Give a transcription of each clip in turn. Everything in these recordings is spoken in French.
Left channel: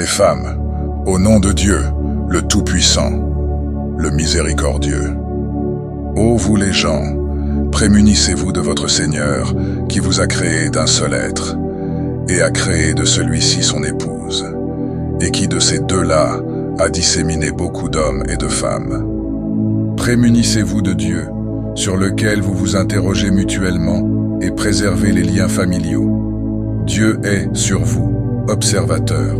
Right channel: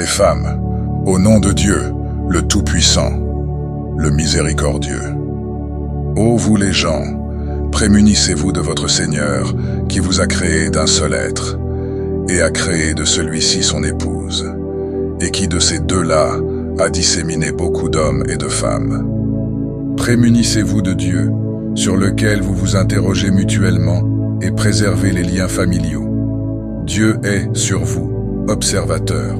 les femmes, au nom de Dieu, le Tout-Puissant, le Miséricordieux. Ô vous les gens, prémunissez-vous de votre Seigneur, qui vous a créé d'un seul être, et a créé de celui-ci son épouse, et qui de ces deux-là a disséminé beaucoup d'hommes et de femmes. Prémunissez-vous de Dieu, sur lequel vous vous interrogez mutuellement, et préservez les liens familiaux. Dieu est, sur vous, observateur.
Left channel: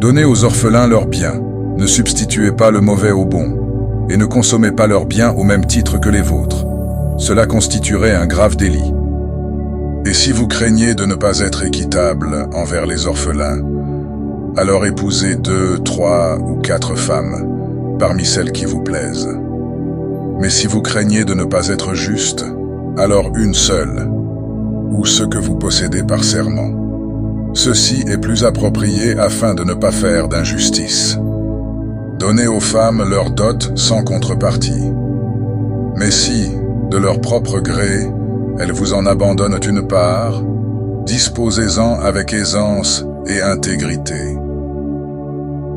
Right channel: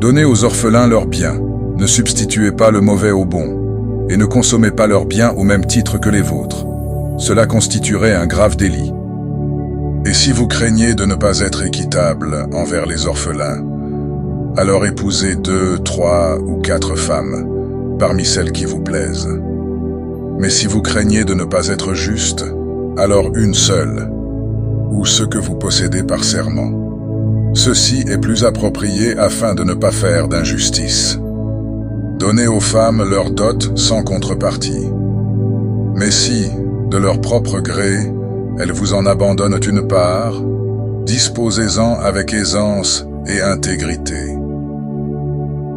Donnez aux orphelins leurs biens, ne substituez pas le mauvais au bon, et ne consommez pas leurs biens au même titre que les vôtres. Cela constituerait un grave délit. Et si vous craignez de ne pas être équitable envers les orphelins, alors épousez 2, 3 ou 4 femmes, parmi celles qui vous plaisent. Mais si vous craignez de ne pas être juste, alors une seule, ou ce que vous possédez par serment. Ceci est plus approprié afin de ne pas faire d'injustice. Donnez aux femmes leur dot sans contrepartie. Mais si, de leur propre gré, elles vous en abandonnent une part, disposez-en avec aisance et intégrité.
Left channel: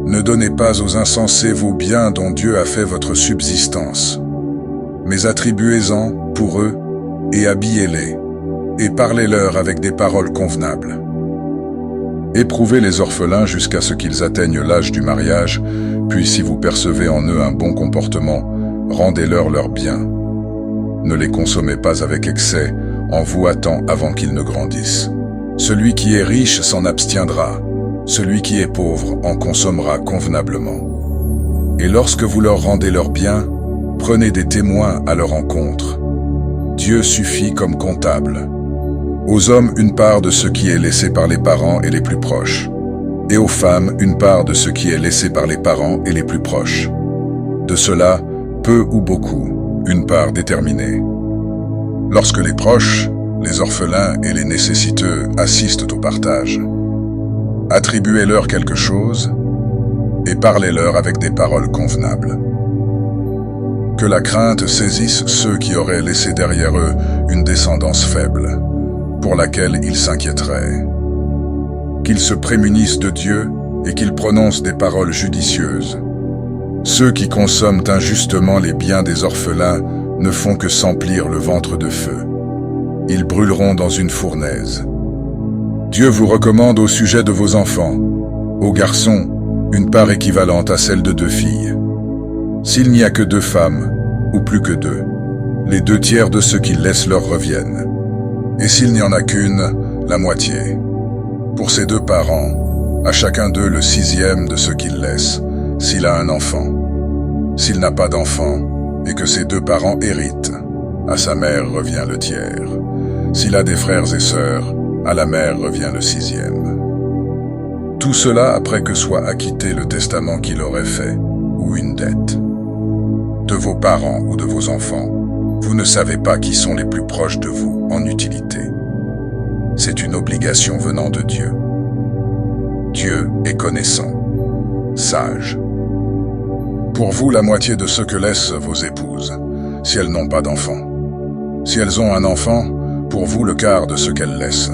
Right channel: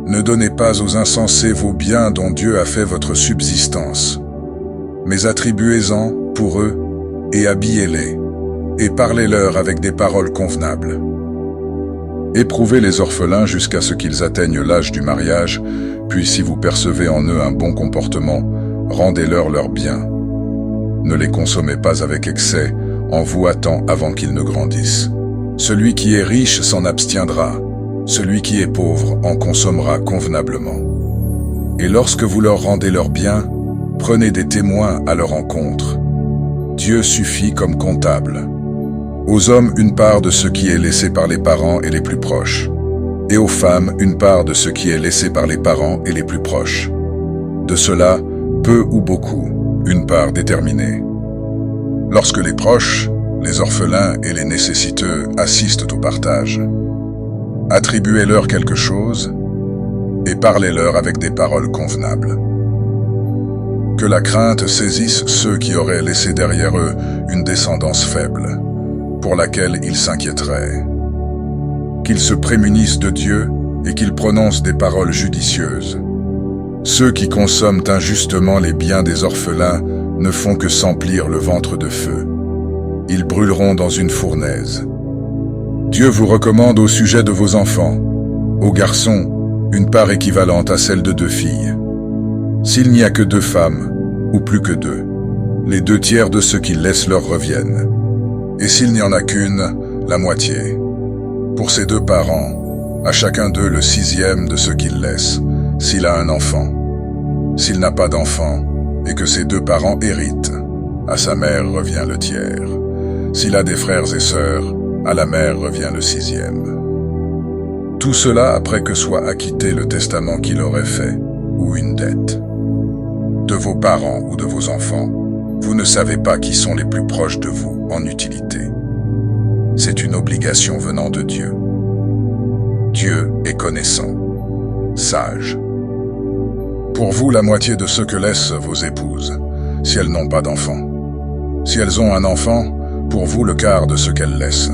Ne donnez pas aux insensés vos biens dont Dieu a fait votre subsistance, mais attribuez-en pour eux et habillez-les, et parlez-leur avec des paroles convenables. Éprouvez les orphelins jusqu'à ce qu'ils atteignent l'âge du mariage, puis si vous percevez en eux un bon comportement, rendez-leur leurs biens. Ne les consommez pas avec excès, en vous hâtant avant qu'ils ne grandissent. Celui qui est riche s'en abstiendra, celui qui est pauvre en consommera convenablement. Et lorsque vous leur rendez leurs biens, prenez des témoins à leur encontre. Dieu suffit comme comptable. Aux hommes une part de ce qui est laissé par les parents et les plus proches, et aux femmes une part de ce qui est laissé par les parents et les plus proches. De cela, peu ou beaucoup, une part déterminée. Lorsque les proches, les orphelins et les nécessiteux assistent au partage, attribuez-leur quelque chose et parlez-leur avec des paroles convenables. Que la crainte saisisse ceux qui auraient laissé derrière eux une descendance faible, pour laquelle ils s'inquiéteraient. Qu'ils se prémunissent de Dieu et qu'ils prononcent des paroles judicieuses. Ceux qui consomment injustement les biens des orphelins ne font que s'emplir le ventre de feu. Ils brûleront dans une fournaise. Dieu vous recommande au sujet de vos enfants, aux garçons, une part équivalente à celle de 2 filles. S'il n'y a que 2 femmes, ou plus que 2, les 2 tiers de ce qu'ils laissent leur reviennent. Et s'il n'y en a qu'une, la moitié. Pour ses 2 parents, à chacun d'eux le 6e de ce qu'il laisse, s'il a un enfant. S'il n'a pas d'enfant, et que ses 2 parents héritent, à sa mère revient le tiers. S'il a des frères et sœurs, à la mère revient le 6e. Tout cela après que soit acquitté le testament qu'il aurait fait, ou une dette. De vos parents ou de vos enfants, vous ne savez pas qui sont les plus proches de vous en utilité. C'est une obligation venant de Dieu. Dieu est connaissant, sage. Pour vous, la moitié de ce que laissent vos épouses, si elles n'ont pas d'enfant. Si elles ont un enfant, pour vous le quart de ce qu'elles laissent.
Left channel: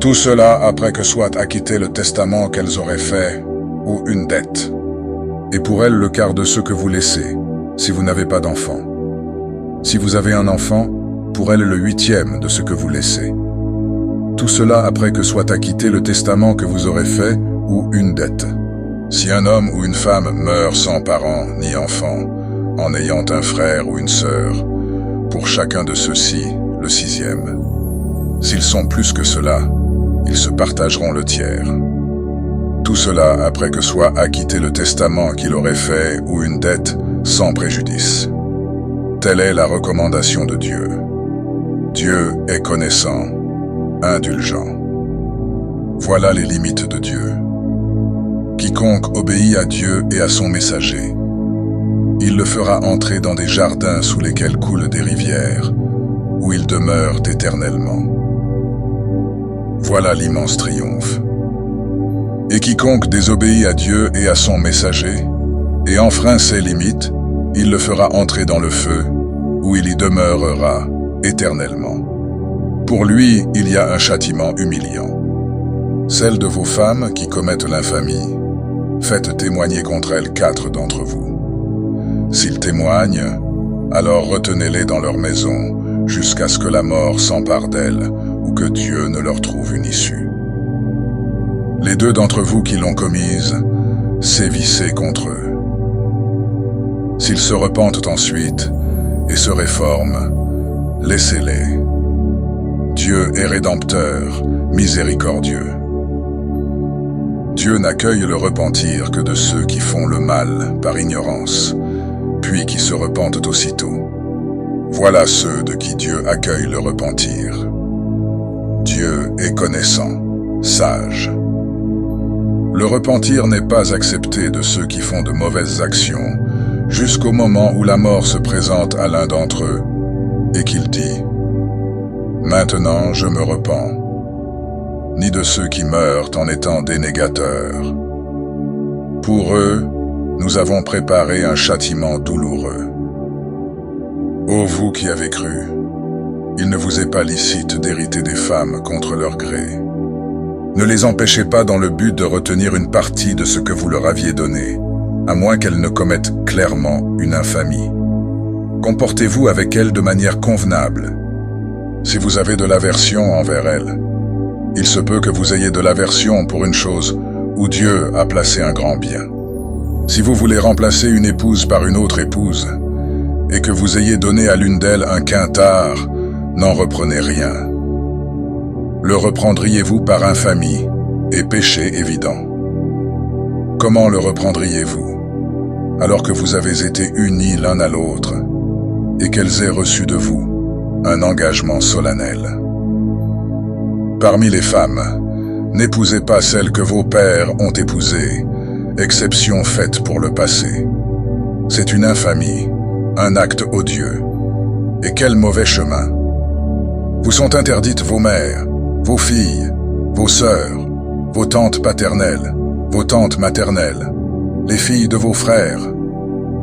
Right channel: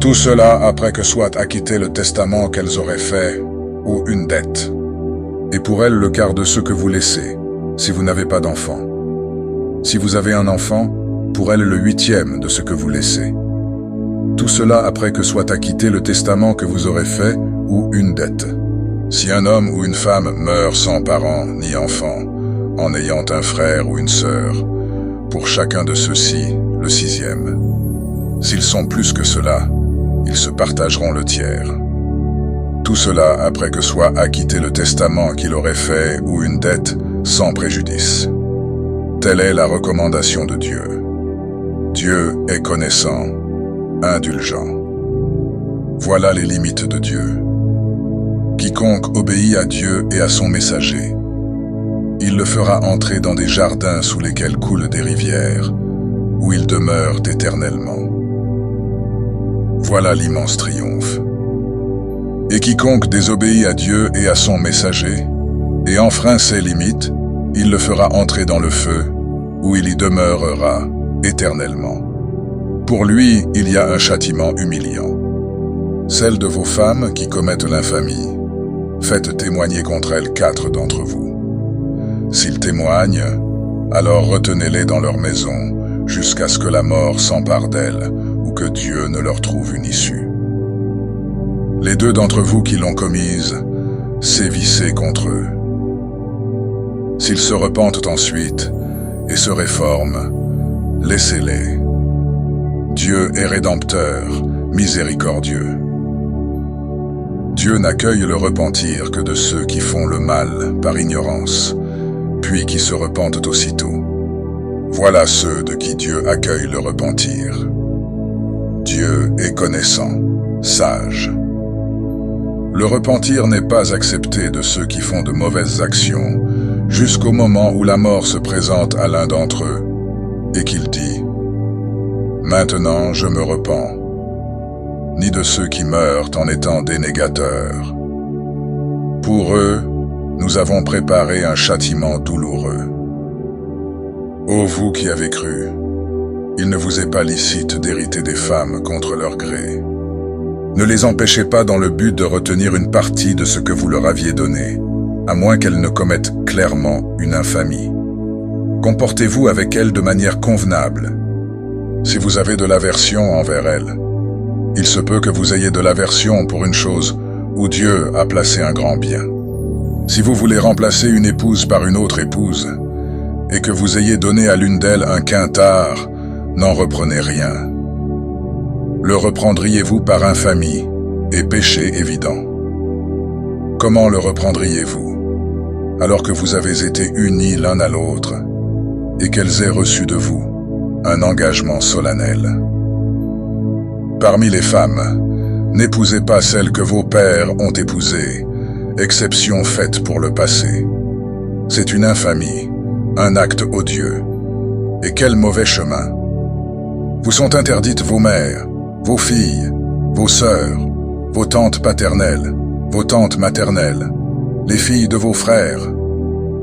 Tout cela après que soit acquitté le testament qu'elles auraient fait, ou une dette. Et pour elles le quart de ce que vous laissez, si vous n'avez pas d'enfant. Si vous avez un enfant, pour elles le 8e de ce que vous laissez. Tout cela après que soit acquitté le testament que vous aurez fait, ou une dette. Si un homme ou une femme meurt sans parents ni enfants, en ayant un frère ou une sœur, pour chacun de ceux-ci, le 6e. S'ils sont plus que cela, ils se partageront le tiers. Tout cela après que soit acquitté le testament qu'il aurait fait ou une dette sans préjudice. Telle est la recommandation de Dieu. Dieu est connaissant, indulgent. Voilà les limites de Dieu. Quiconque obéit à Dieu et à son messager, il le fera entrer dans des jardins sous lesquels coulent des rivières, où ils demeurent éternellement. Voilà l'immense triomphe. Et quiconque désobéit à Dieu et à son messager, et enfreint ses limites, il le fera entrer dans le feu, où il y demeurera éternellement. Pour lui, il y a un châtiment humiliant. Celles de vos femmes qui commettent l'infamie, faites témoigner contre elles 4 d'entre vous. S'ils témoignent, alors retenez-les dans leur maison, jusqu'à ce que la mort s'empare d'elles, ou que Dieu ne leur trouve une issue. Les 2 d'entre vous qui l'ont commise, sévissez contre eux. S'ils se repentent ensuite et se réforment, laissez-les. Dieu est rédempteur, miséricordieux. Dieu n'accueille le repentir que de ceux qui font le mal par ignorance, puis qui se repentent aussitôt. Voilà ceux de qui Dieu accueille le repentir. Dieu est connaissant, sage. Le repentir n'est pas accepté de ceux qui font de mauvaises actions, jusqu'au moment où la mort se présente à l'un d'entre eux, et qu'il dit « Maintenant je me repens », ni de ceux qui meurent en étant des négateurs. Pour eux, nous avons préparé un châtiment douloureux. Ô vous qui avez cru, il ne vous est pas licite d'hériter des femmes contre leur gré. Ne les empêchez pas dans le but de retenir une partie de ce que vous leur aviez donné, à moins qu'elles ne commettent clairement une infamie. Comportez-vous avec elles de manière convenable. Si vous avez de l'aversion envers elles, il se peut que vous ayez de l'aversion pour une chose où Dieu a placé un grand bien. Si vous voulez remplacer une épouse par une autre épouse, et que vous ayez donné à l'une d'elles un quintard, n'en reprenez rien. Le reprendriez-vous par infamie et péché évident? Comment le reprendriez-vous, alors que vous avez été unis l'un à l'autre, et qu'elles aient reçu de vous un engagement solennel? Parmi les femmes, n'épousez pas celles que vos pères ont épousées, exception faite pour le passé. C'est une infamie, un acte odieux. Et quel mauvais chemin! Vous sont interdites vos mères, vos filles, vos sœurs, vos tantes paternelles, vos tantes maternelles, les filles de vos frères,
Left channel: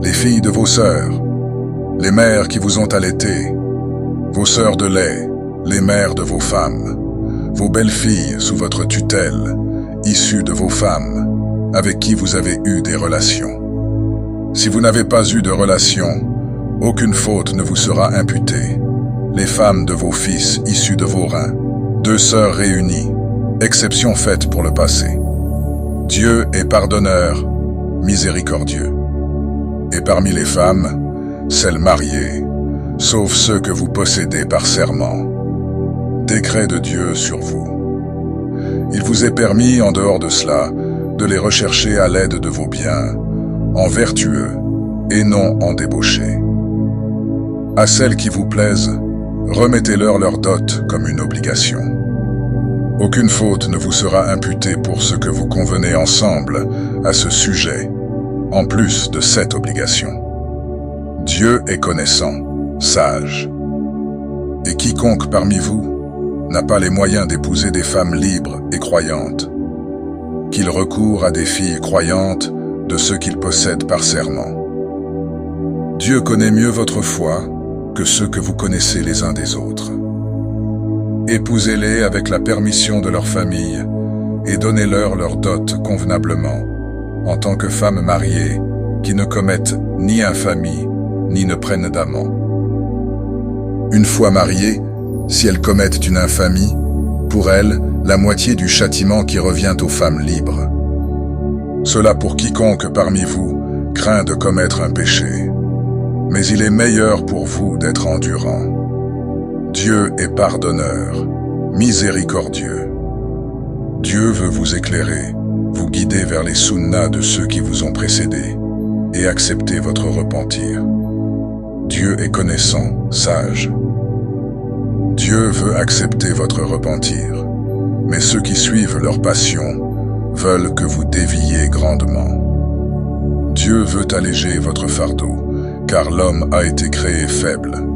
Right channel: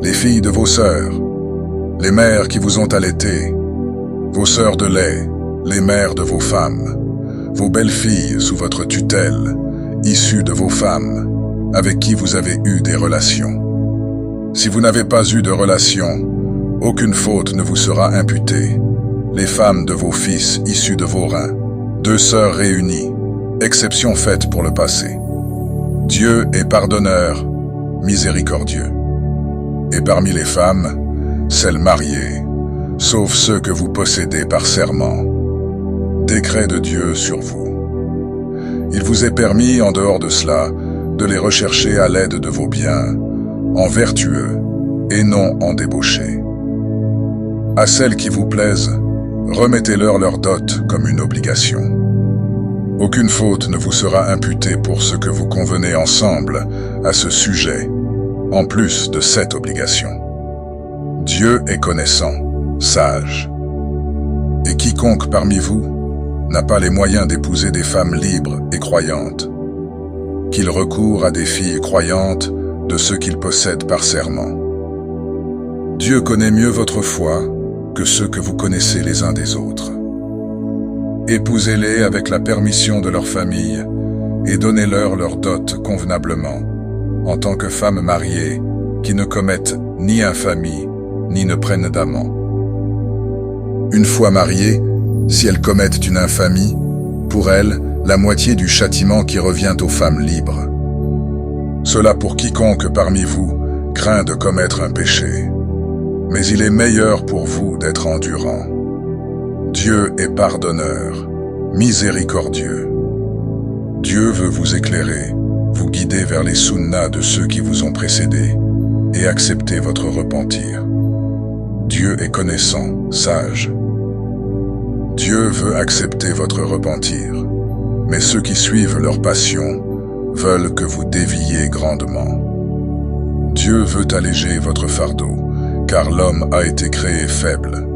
les filles de vos sœurs, les mères qui vous ont allaité, vos sœurs de lait, les mères de vos femmes, vos belles-filles sous votre tutelle, issues de vos femmes, avec qui vous avez eu des relations. Si vous n'avez pas eu de relations, aucune faute ne vous sera imputée. Les femmes de vos fils issus de vos reins, 2 sœurs réunies, exception faite pour le passé. Dieu est pardonneur, miséricordieux. Et parmi les femmes, celles mariées, sauf ceux que vous possédez par serment. Décret de Dieu sur vous. Il vous est permis, en dehors de cela, de les rechercher à l'aide de vos biens, en vertueux et non en débauchés. À celles qui vous plaisent, remettez-leur leur dot comme une obligation. Aucune faute ne vous sera imputée pour ce que vous convenez ensemble à ce sujet, en plus de cette obligation. Dieu est connaissant, sage. Et quiconque parmi vous n'a pas les moyens d'épouser des femmes libres et croyantes, qu'il recourt à des filles croyantes de ceux qu'il possède par serment. Dieu connaît mieux votre foi que ceux que vous connaissez les uns des autres. Épousez-les avec la permission de leur famille et donnez-leur leur dot convenablement, en tant que femmes mariées qui ne commettent ni infamie ni ne prennent d'amant. Une fois mariées, si elles commettent une infamie, pour elles, la moitié du châtiment qui revient aux femmes libres. Cela pour quiconque parmi vous craint de commettre un péché. Mais il est meilleur pour vous d'être endurant. Dieu est pardonneur, miséricordieux. Dieu veut vous éclairer, vous guider vers les sunnas de ceux qui vous ont précédés et accepter votre repentir. Dieu est connaissant, sage. Dieu veut accepter votre repentir, mais ceux qui suivent leur passion veulent que vous déviez grandement. Dieu veut alléger votre fardeau, car l'homme a été créé faible.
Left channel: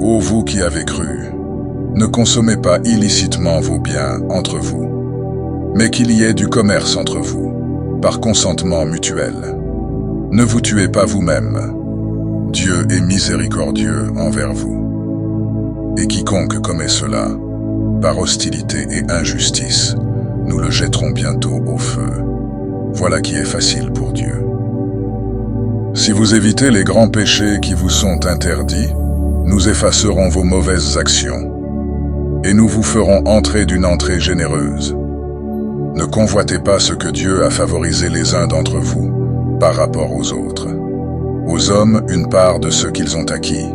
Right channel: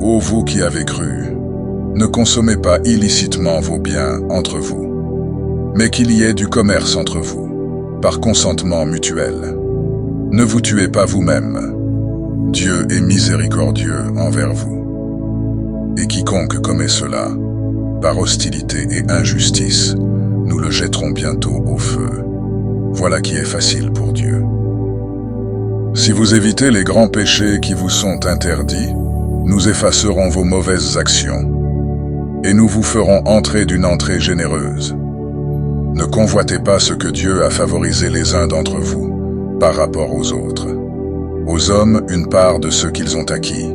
Ô vous qui avez cru, ne consommez pas illicitement vos biens entre vous, mais qu'il y ait du commerce entre vous, par consentement mutuel. Ne vous tuez pas vous-même. Dieu est miséricordieux envers vous. Et quiconque commet cela, par hostilité et injustice, nous le jetterons bientôt au feu. Voilà qui est facile pour Dieu. Si vous évitez les grands péchés qui vous sont interdits, nous effacerons vos mauvaises actions, et nous vous ferons entrer d'une entrée généreuse. Ne convoitez pas ce que Dieu a favorisé les uns d'entre vous par rapport aux autres. Aux hommes, une part de ce qu'ils ont acquis.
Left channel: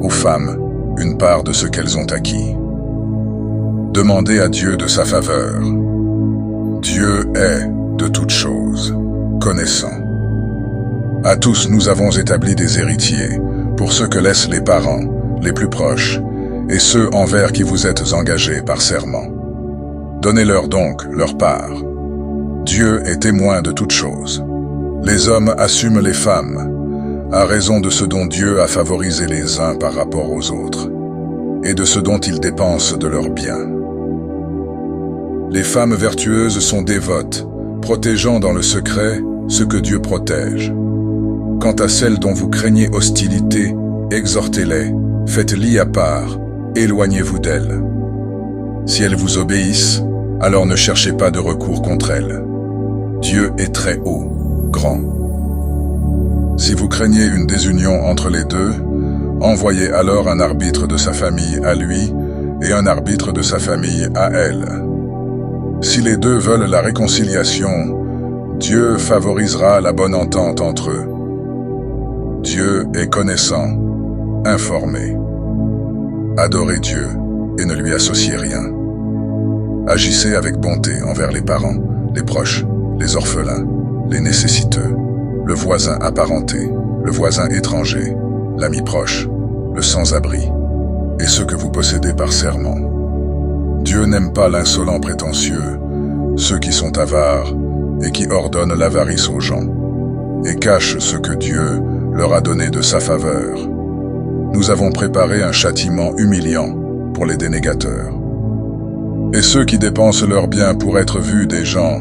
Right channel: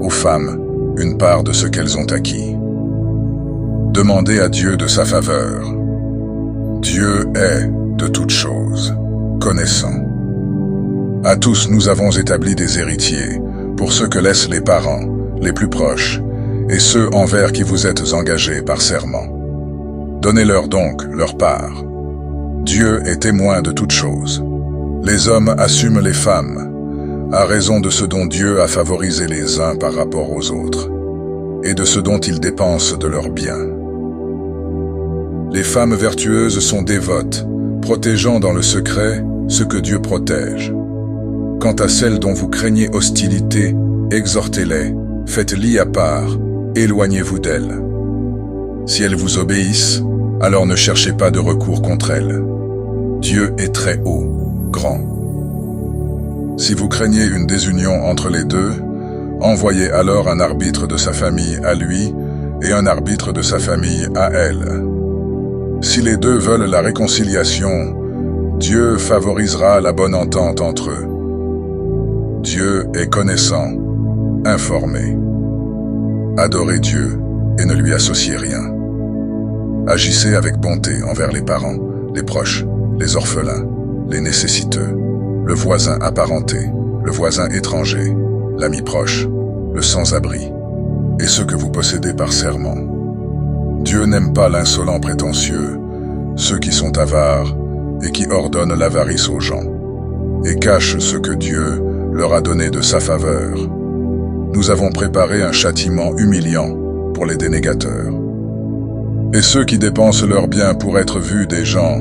Aux femmes, une part de ce qu'elles ont acquis. Demandez à Dieu de sa faveur. Dieu est, de toutes choses, connaissant. À tous nous avons établi des héritiers, pour ce que laissent les parents, les plus proches, et ceux envers qui vous êtes engagés par serment. Donnez-leur donc leur part. Dieu est témoin de toutes choses. Les hommes assument les femmes, à raison de ce dont Dieu a favorisé les uns par rapport aux autres, et de ce dont ils dépensent de leurs biens. Les femmes vertueuses sont dévotes, protégeant dans le secret ce que Dieu protège. Quant à celles dont vous craignez hostilité, exhortez-les, faites-les à part, éloignez-vous d'elles. Si elles vous obéissent, alors ne cherchez pas de recours contre elles. Dieu est très haut, grand. Si vous craignez une désunion entre les deux, envoyez alors un arbitre de sa famille à lui et un arbitre de sa famille à elle. Si les deux veulent la réconciliation, Dieu favorisera la bonne entente entre eux. Dieu est connaissant, informé. Adorez Dieu et ne lui associez rien. Agissez avec bonté envers les parents, les proches, les orphelins, les nécessiteux, le voisin apparenté, le voisin étranger, l'ami proche, le sans-abri, et ceux que vous possédez par serment. Dieu n'aime pas l'insolent prétentieux, ceux qui sont avares et qui ordonnent l'avarice aux gens, et cachent ce que Dieu leur a donné de sa faveur. Nous avons préparé un châtiment humiliant pour les dénégateurs. Et ceux qui dépensent leurs biens pour être vus des gens,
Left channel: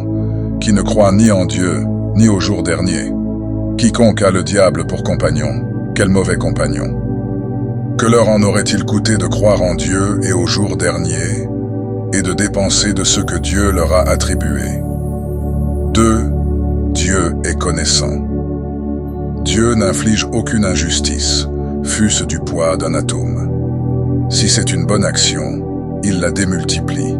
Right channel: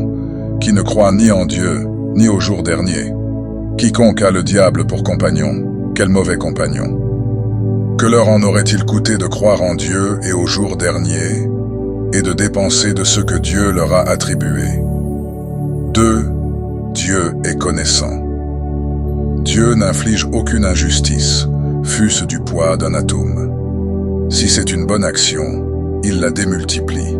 qui ne croient ni en Dieu, ni au jour dernier. Quiconque a le diable pour compagnon, quel mauvais compagnon. Que leur en aurait-il coûté de croire en Dieu et au jour dernier, et de dépenser de ce que Dieu leur a attribué? 2. Dieu est connaissant. Dieu n'inflige aucune injustice, fût-ce du poids d'un atome. Si c'est une bonne action, il la démultiplie,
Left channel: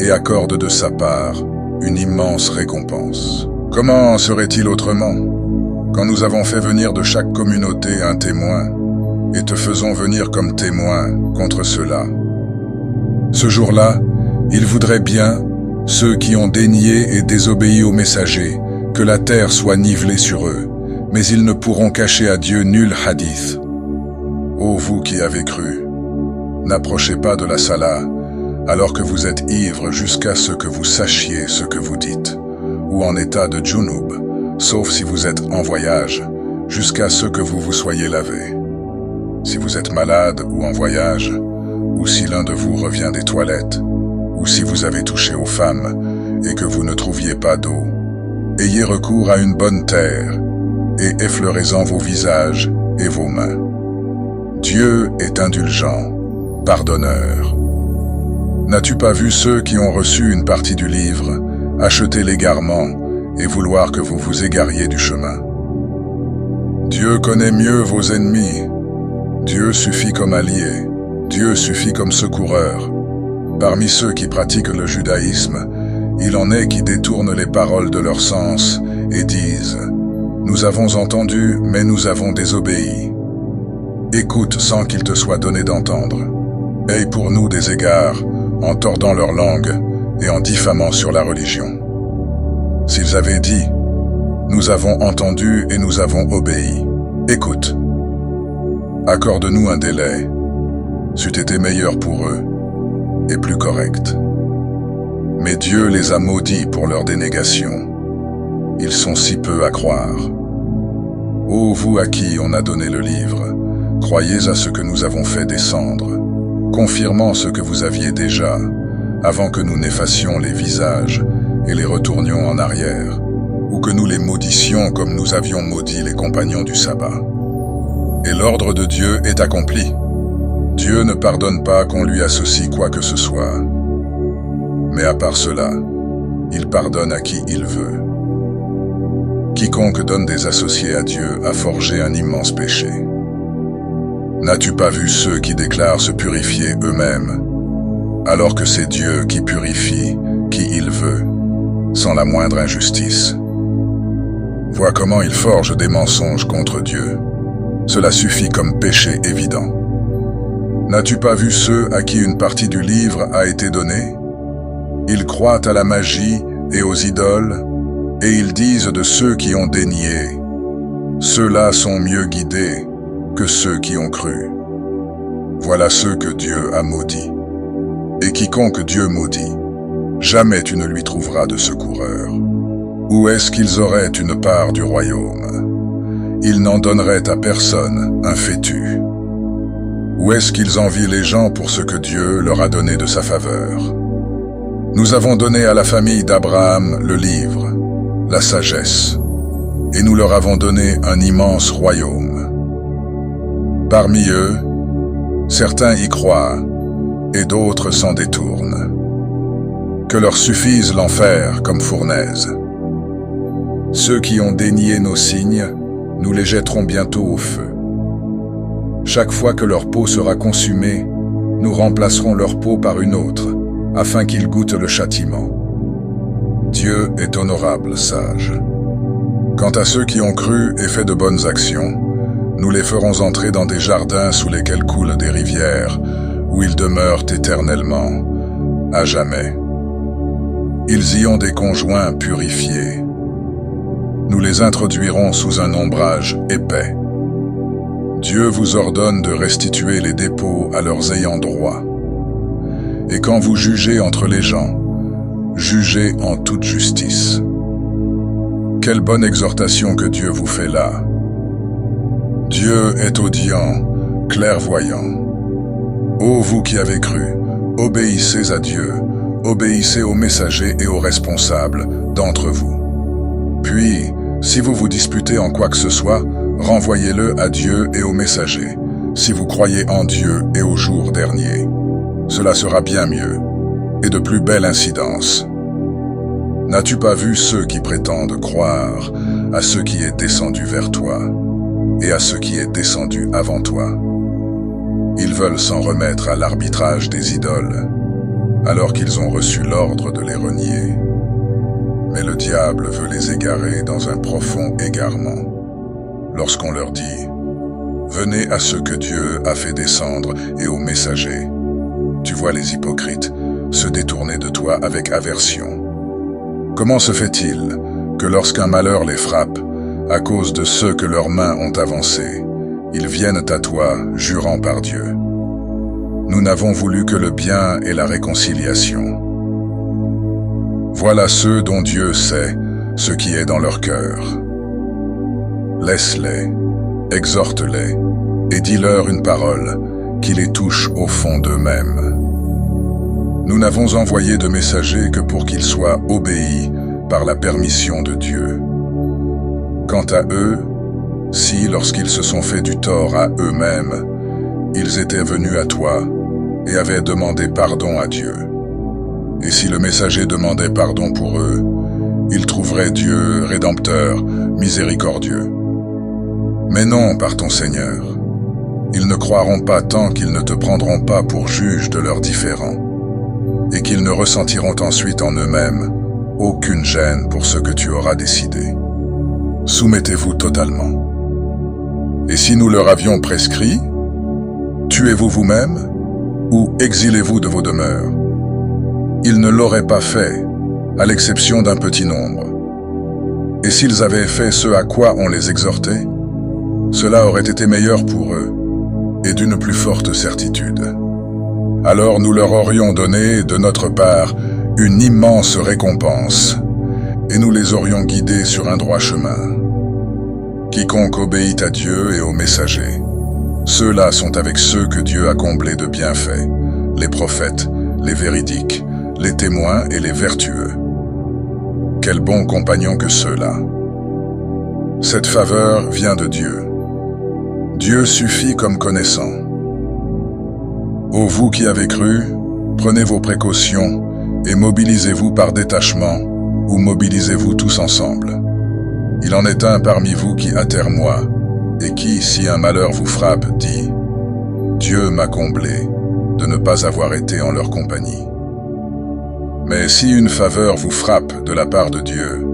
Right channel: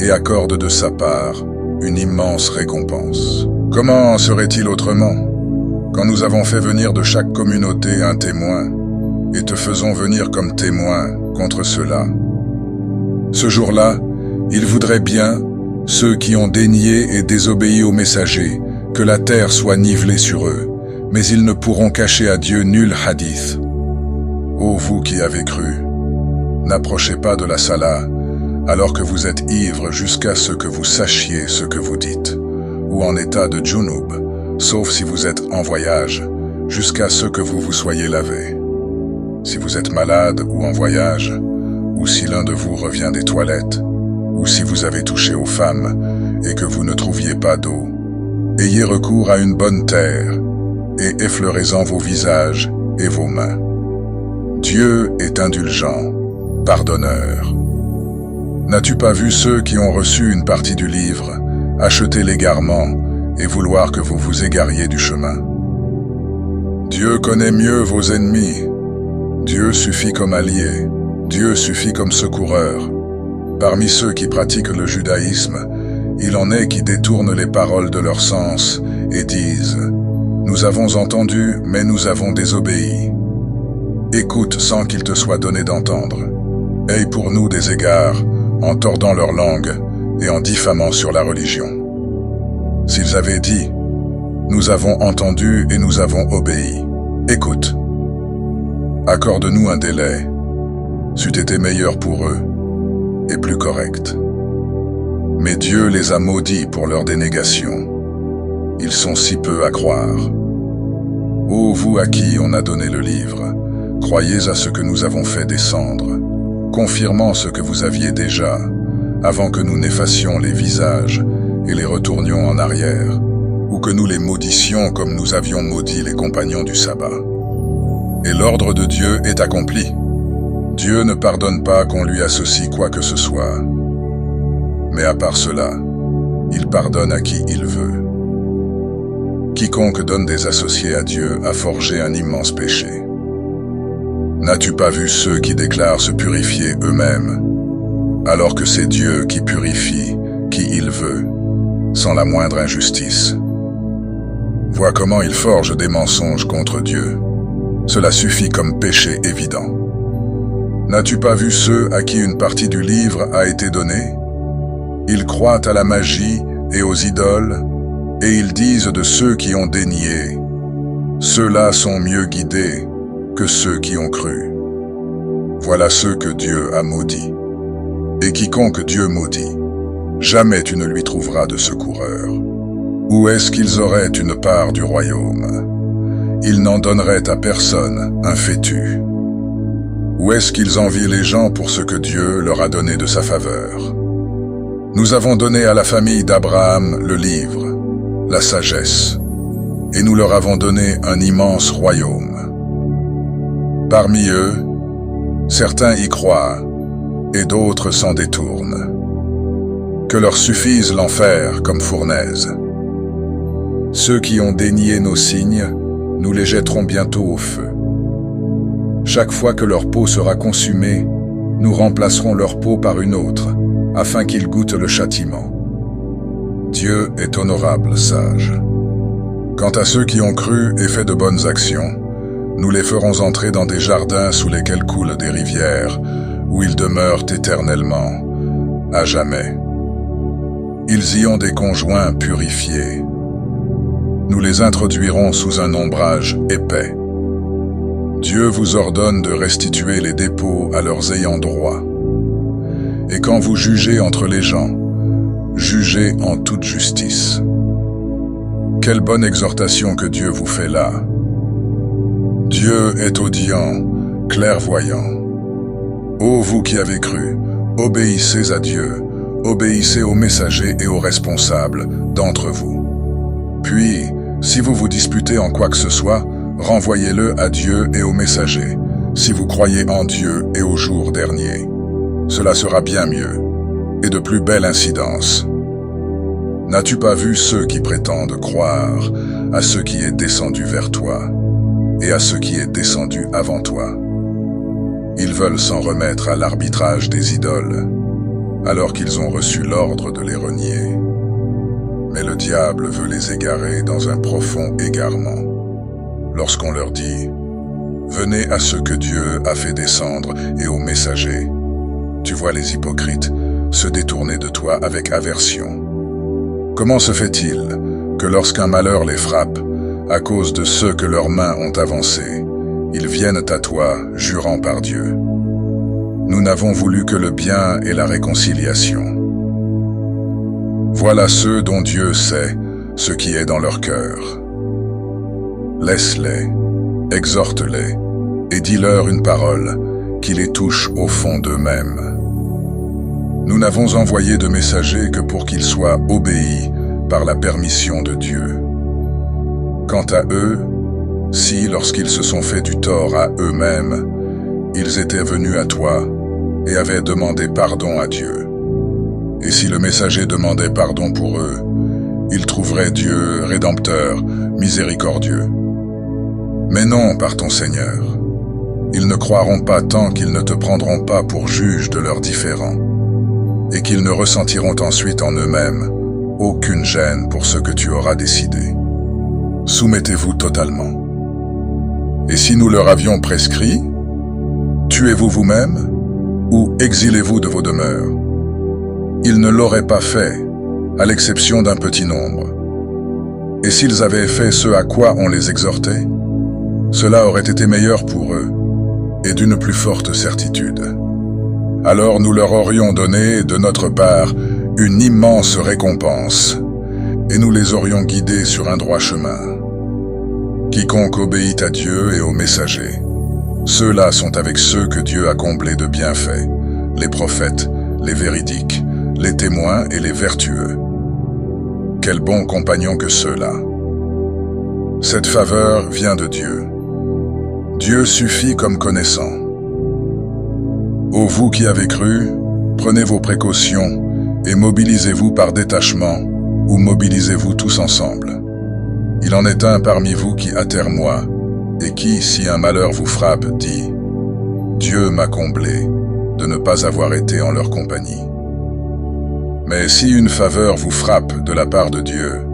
et accorde de sa part une immense récompense. Comment serait-il autrement, quand nous avons fait venir de chaque communauté un témoin, et te faisons venir comme témoin contre ceux-là? Ce jour-là, ils voudraient bien, ceux qui ont dénié et désobéi aux messagers, que la terre soit nivelée sur eux, mais ils ne pourront cacher à Dieu nul hadith. Ô vous qui avez cru, n'approchez pas de la salah, alors que vous êtes ivres jusqu'à ce que vous sachiez ce que vous dites, ou en état de junub, sauf si vous êtes en voyage, jusqu'à ce que vous vous soyez lavé. Si vous êtes malade ou en voyage, ou si l'un de vous revient des toilettes, ou si vous avez touché aux femmes et que vous ne trouviez pas d'eau, ayez recours à une bonne terre et effleurez-en vos visages et vos mains. Dieu est indulgent, pardonneur. N'as-tu pas vu ceux qui ont reçu une partie du livre, acheter l'égarement et vouloir que vous vous égariez du chemin? Dieu connaît mieux vos ennemis. Dieu suffit comme allié. Dieu suffit comme secoureur. Parmi ceux qui pratiquent le judaïsme, il en est qui détournent les paroles de leur sens et disent « Nous avons entendu, mais nous avons désobéi. » Écoute sans qu'il te soit donné d'entendre. Aie pour nous des égards, en tordant leur langue et en diffamant sur la religion. S'ils avaient dit « Nous avons entendu et nous avons obéi. » Écoute. Accorde-nous un délai. C'eût été meilleur pour eux et plus correct. Mais Dieu les a maudits pour leur dénégation. Ils sont si peu à croire. Ô vous à qui on a donné le livre, croyez à ce que nous avons fait descendre, confirmant ce que vous aviez déjà, avant que nous n'effacions les visages et les retournions en arrière, ou que nous les maudissions comme nous avions maudit les compagnons du sabbat. Et l'ordre de Dieu est accompli. Dieu ne pardonne pas qu'on lui associe quoi que ce soit. Mais à part cela, il pardonne à qui il veut. Quiconque donne des associés à Dieu a forgé un immense péché. N'as-tu pas vu ceux qui déclarent se purifier eux-mêmes, alors que c'est Dieu qui purifie qui il veut, sans la moindre injustice? Vois comment ils forgent des mensonges contre Dieu. Cela suffit comme péché évident. N'as-tu pas vu ceux à qui une partie du livre a été donnée? Ils croient à la magie et aux idoles, et ils disent de ceux qui ont dénié, « Ceux-là sont mieux guidés que ceux qui ont cru. » Voilà ceux que Dieu a maudits. Et quiconque Dieu maudit, jamais tu ne lui trouveras de secoureur. Où est-ce qu'ils auraient une part du royaume? Ils n'en donneraient à personne un fétu. Où est-ce qu'ils envient les gens pour ce que Dieu leur a donné de sa faveur? Nous avons donné à la famille d'Abraham le livre, la sagesse, et nous leur avons donné un immense royaume. Parmi eux, certains y croient, et d'autres s'en détournent. Que leur suffise l'enfer comme fournaise. Ceux qui ont dénié nos signes, nous les jetterons bientôt au feu. Chaque fois que leur peau sera consumée, nous remplacerons leur peau par une autre, afin qu'ils goûtent le châtiment. Dieu est honorable, sage. Quant à ceux qui ont cru et fait de bonnes actions, nous les ferons entrer dans des jardins sous lesquels coulent des rivières, où ils demeurent éternellement, à jamais. Ils y ont des conjoints purifiés. Nous les introduirons sous un ombrage épais. Dieu vous ordonne de restituer les dépôts à leurs ayants droit. Et quand vous jugez entre les gens, jugez en toute justice. Quelle bonne exhortation que Dieu vous fait là. Dieu est audient, clairvoyant. Ô vous qui avez cru, obéissez à Dieu, obéissez aux messagers et aux responsables d'entre vous. Puis, si vous vous disputez en quoi que ce soit, renvoyez-le à Dieu et aux messagers, si vous croyez en Dieu et au jour dernier. Cela sera bien mieux, et de plus belle incidence. N'as-tu pas vu ceux qui prétendent croire à ce qui est descendu vers toi, et à ce qui est descendu avant toi? Ils veulent s'en remettre à l'arbitrage des idoles, alors qu'ils ont reçu l'ordre de les renier. Mais le diable veut les égarer dans un profond égarement. Lorsqu'on leur dit « Venez à ce que Dieu a fait descendre et aux messagers », tu vois les hypocrites se détourner de toi avec aversion. Comment se fait-il que lorsqu'un malheur les frappe, à cause de ceux que leurs mains ont avancés, ils viennent à toi, jurant par Dieu? Nous n'avons voulu que le bien et la réconciliation. Voilà ceux dont Dieu sait ce qui est dans leur cœur. Laisse-les, exhorte-les, et dis-leur une parole qui les touche au fond d'eux-mêmes. Nous n'avons envoyé de messagers que pour qu'ils soient obéis par la permission de Dieu. Quant à eux, si, lorsqu'ils se sont fait du tort à eux-mêmes, ils étaient venus à toi et avaient demandé pardon à Dieu, et si le messager demandait pardon pour eux, ils trouveraient Dieu rédempteur, miséricordieux. Mais non, par ton Seigneur, ils ne croiront pas tant qu'ils ne te prendront pas pour juge de leurs différends, et qu'ils ne ressentiront ensuite en eux-mêmes aucune gêne pour ce que tu auras décidé. Soumettez-vous totalement. Et si nous leur avions prescrit, tuez-vous vous-même ou exilez-vous de vos demeures? Ils ne l'auraient pas fait, à l'exception d'un petit nombre. Et s'ils avaient fait ce à quoi on les exhortait, cela aurait été meilleur pour eux, et d'une plus forte certitude. Alors nous leur aurions donné, de notre part, une immense récompense, et nous les aurions guidés sur un droit chemin. Quiconque obéit à Dieu et aux messagers, ceux-là sont avec ceux que Dieu a comblés de bienfaits, les prophètes, les véridiques, les témoins et les vertueux. Quels bons compagnons que ceux-là! Cette faveur vient de Dieu. Dieu suffit comme connaissant. Ô vous qui avez cru, prenez vos précautions et mobilisez-vous par détachement ou mobilisez-vous tous ensemble? Il en est un parmi vous qui attermoie, et qui, si un malheur vous frappe, dit « Dieu m'a comblé de ne pas avoir été en leur compagnie. » Mais si une faveur vous frappe de la part de Dieu,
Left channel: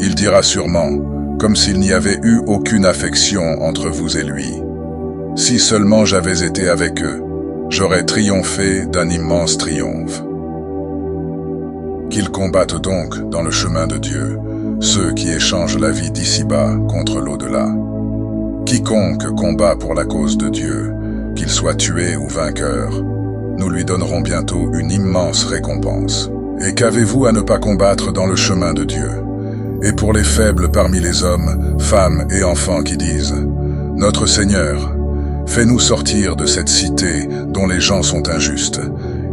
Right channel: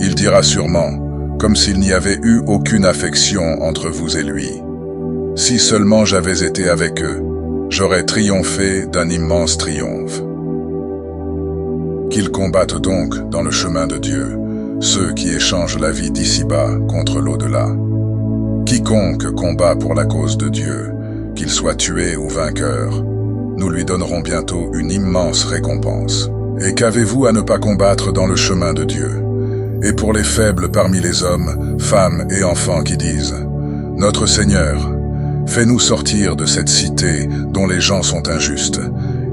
il dira sûrement, comme s'il n'y avait eu aucune affection entre vous et lui, « Si seulement j'avais été avec eux, j'aurais triomphé d'un immense triomphe. » Qu'ils combattent donc dans le chemin de Dieu, ceux qui échangent la vie d'ici-bas contre l'au-delà. Quiconque combat pour la cause de Dieu, qu'il soit tué ou vainqueur, nous lui donnerons bientôt une immense récompense. Et qu'avez-vous à ne pas combattre dans le chemin de Dieu? Et pour les faibles parmi les hommes, femmes et enfants qui disent « Notre Seigneur, fais-nous sortir de cette cité dont les gens sont injustes,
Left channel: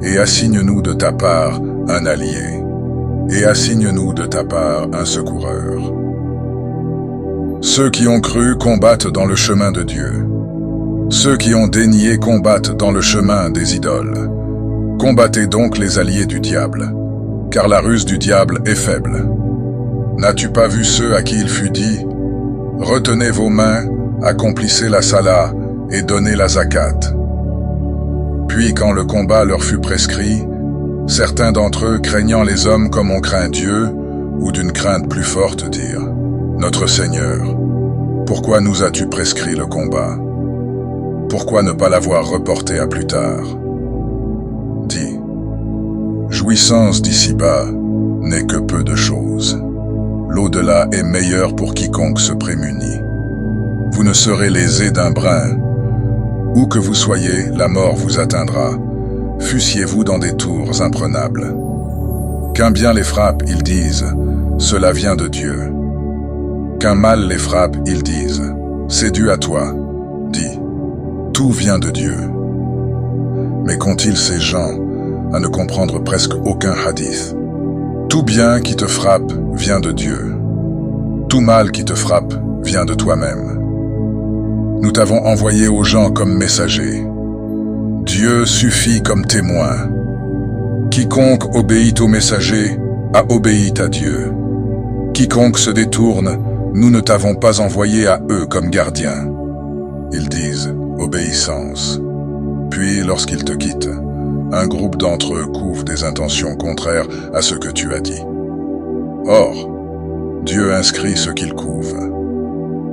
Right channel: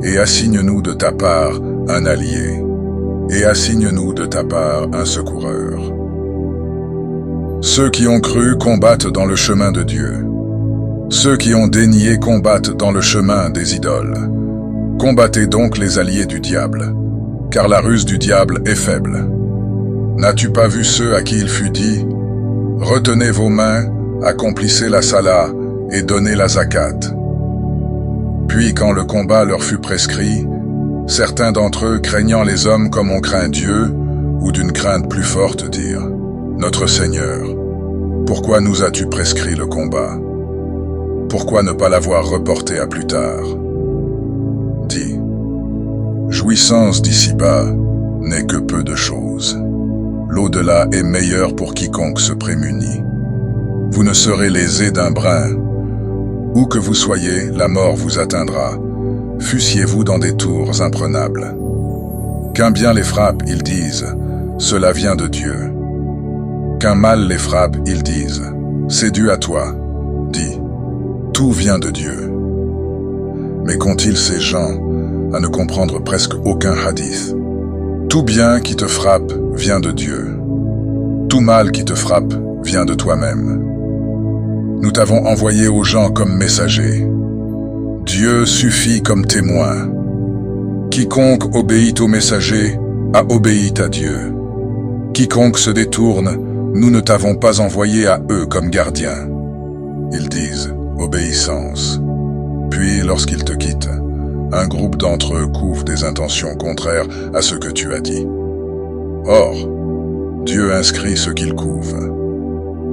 et assigne-nous de ta part un allié, et assigne-nous de ta part un secoureur. » Ceux qui ont cru combattent dans le chemin de Dieu. Ceux qui ont dénié combattent dans le chemin des idoles. Combattez donc les alliés du diable, car la ruse du diable est faible. N'as-tu pas vu ceux à qui il fut dit « Retenez vos mains, accomplissez la sala et donnez la zakat ». Puis quand le combat leur fut prescrit, certains d'entre eux, craignant les hommes comme on craint Dieu, ou d'une crainte plus forte, dirent « Notre Seigneur, pourquoi nous as-tu prescrit le combat? Pourquoi ne pas l'avoir reporté à plus tard? » Dis, jouissance d'ici-bas n'est que peu de choses. L'au-delà est meilleur pour quiconque se prémunit. Vous ne serez lésés d'un brin. Où que vous soyez, la mort vous atteindra. Fussiez-vous dans des tours imprenables. Qu'un bien les frappe, ils disent, cela vient de Dieu. Qu'un mal les frappe, ils disent, c'est dû à toi. Dis, tout vient de Dieu. Mais qu'ont-ils ces gens à ne comprendre presque aucun hadith? Tout bien qui te frappe vient de Dieu. Tout mal qui te frappe vient de toi-même. Nous t'avons envoyé aux gens comme messager. Dieu suffit comme témoin. Quiconque obéit au messager a obéi à Dieu. Quiconque se détourne, nous ne t'avons pas envoyé à eux comme gardiens. Ils disent obéissance. Puis, lorsqu'ils te quittent, un groupe d'entre eux couvre des intentions contraires à ce que tu as dit. Or, Dieu inscrit ce qu'ils couvent.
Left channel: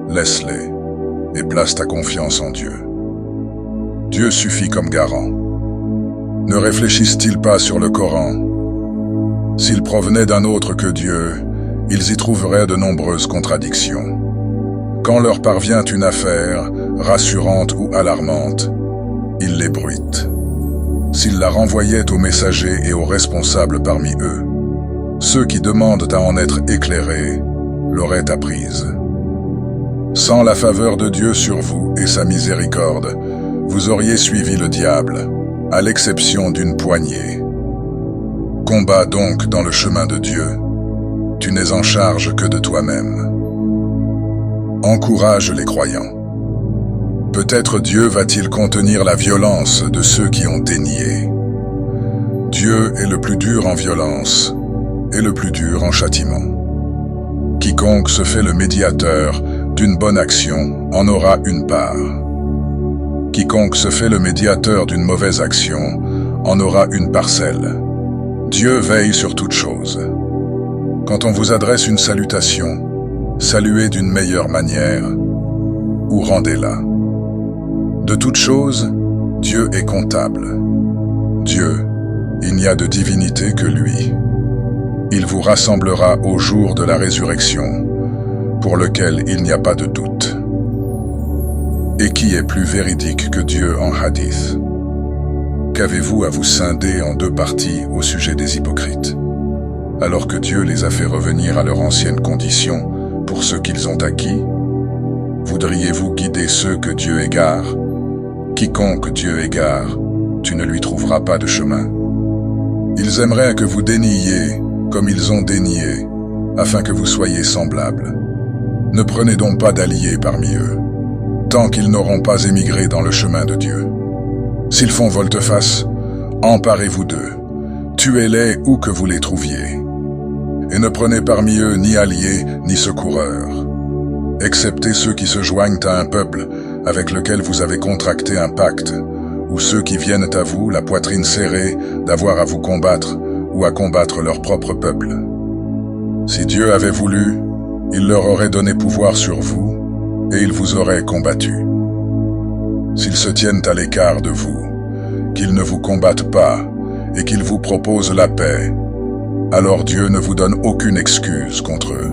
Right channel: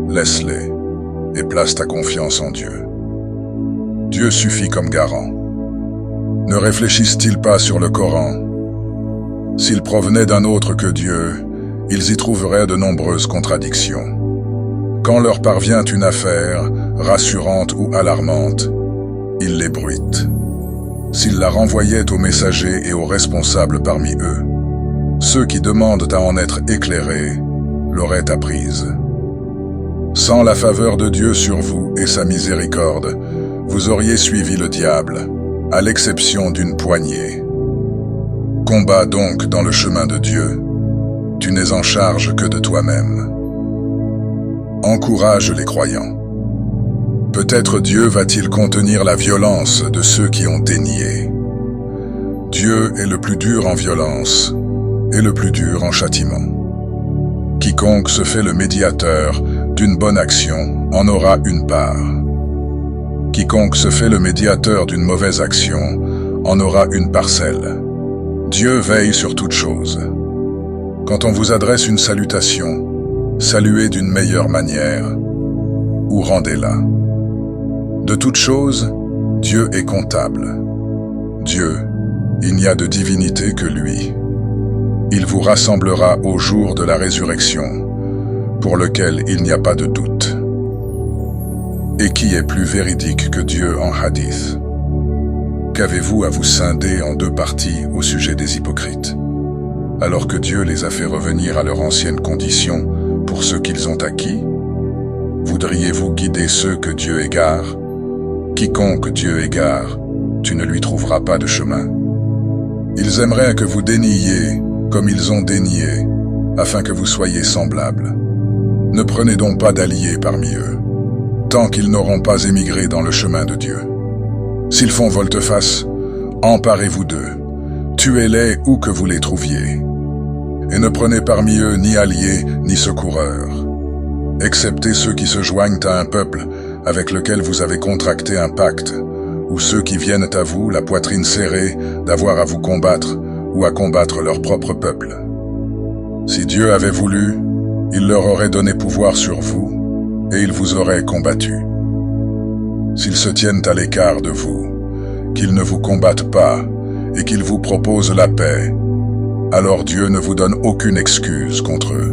Laisse-les et place ta confiance en Dieu. Dieu suffit comme garant. Ne réfléchissent-ils pas sur le Coran? S'ils provenaient d'un autre que Dieu, ils y trouveraient de nombreuses contradictions. Quand leur parvient une affaire, rassurante ou alarmante, ils les bruitent. S'ils la renvoyaient aux messagers et aux responsables parmi eux, ceux qui demandent à en être éclairés l'auraient apprise. Sans la faveur de Dieu sur vous et sa miséricorde, vous auriez suivi le diable, à l'exception d'une poignée. Combat donc dans le chemin de Dieu. Tu n'es en charge que de toi-même. Encourage les croyants. Peut-être Dieu va-t-il contenir la violence de ceux qui ont dénié. Dieu est le plus dur en violence et le plus dur en châtiment. Quiconque se fait le médiateur d'une bonne action en aura une part. Quiconque se fait le médiateur d'une mauvaise action en aura une parcelle. Dieu veille sur toute chose. Quand on vous adresse une salutation, saluez d'une meilleure manière ou rendez-la. De toute chose, Dieu est comptable. Dieu, il n'y a de divinité que lui. Il vous rassemblera au jour de la résurrection, pour lequel il n'y a pas de doute. Et qui est plus véridique que Dieu en hadith? Qu'avez-vous à vous scinder en deux parties au sujet des hypocrites, alors que Dieu les a fait revenir à leur ancienne condition pour ceux qu'ils ont acquis? Voudriez-vous guider ceux que Dieu égare? Quiconque Dieu égare, tu ne lui trouveras pas de chemin. Ils aimeraient que vous déniiez comme ils ont dénié, afin que vous soyez semblables. Ne prenez donc pas d'alliés parmi eux, tant qu'ils n'auront pas émigré dans le chemin de Dieu. S'ils font volte-face, emparez-vous d'eux, tuez-les où que vous les trouviez. et ne prenez parmi eux ni alliés ni secoureurs, excepté ceux qui se joignent à un peuple avec lequel vous avez contracté un pacte, ou ceux qui viennent à vous, la poitrine serrée, d'avoir à vous combattre ou à combattre leur propre peuple. Si Dieu avait voulu, il leur aurait donné pouvoir sur vous, et ils vous auraient combattu. S'ils se tiennent à l'écart de vous, qu'ils ne vous combattent pas, et qu'ils vous proposent la paix, alors Dieu ne vous donne aucune excuse contre eux.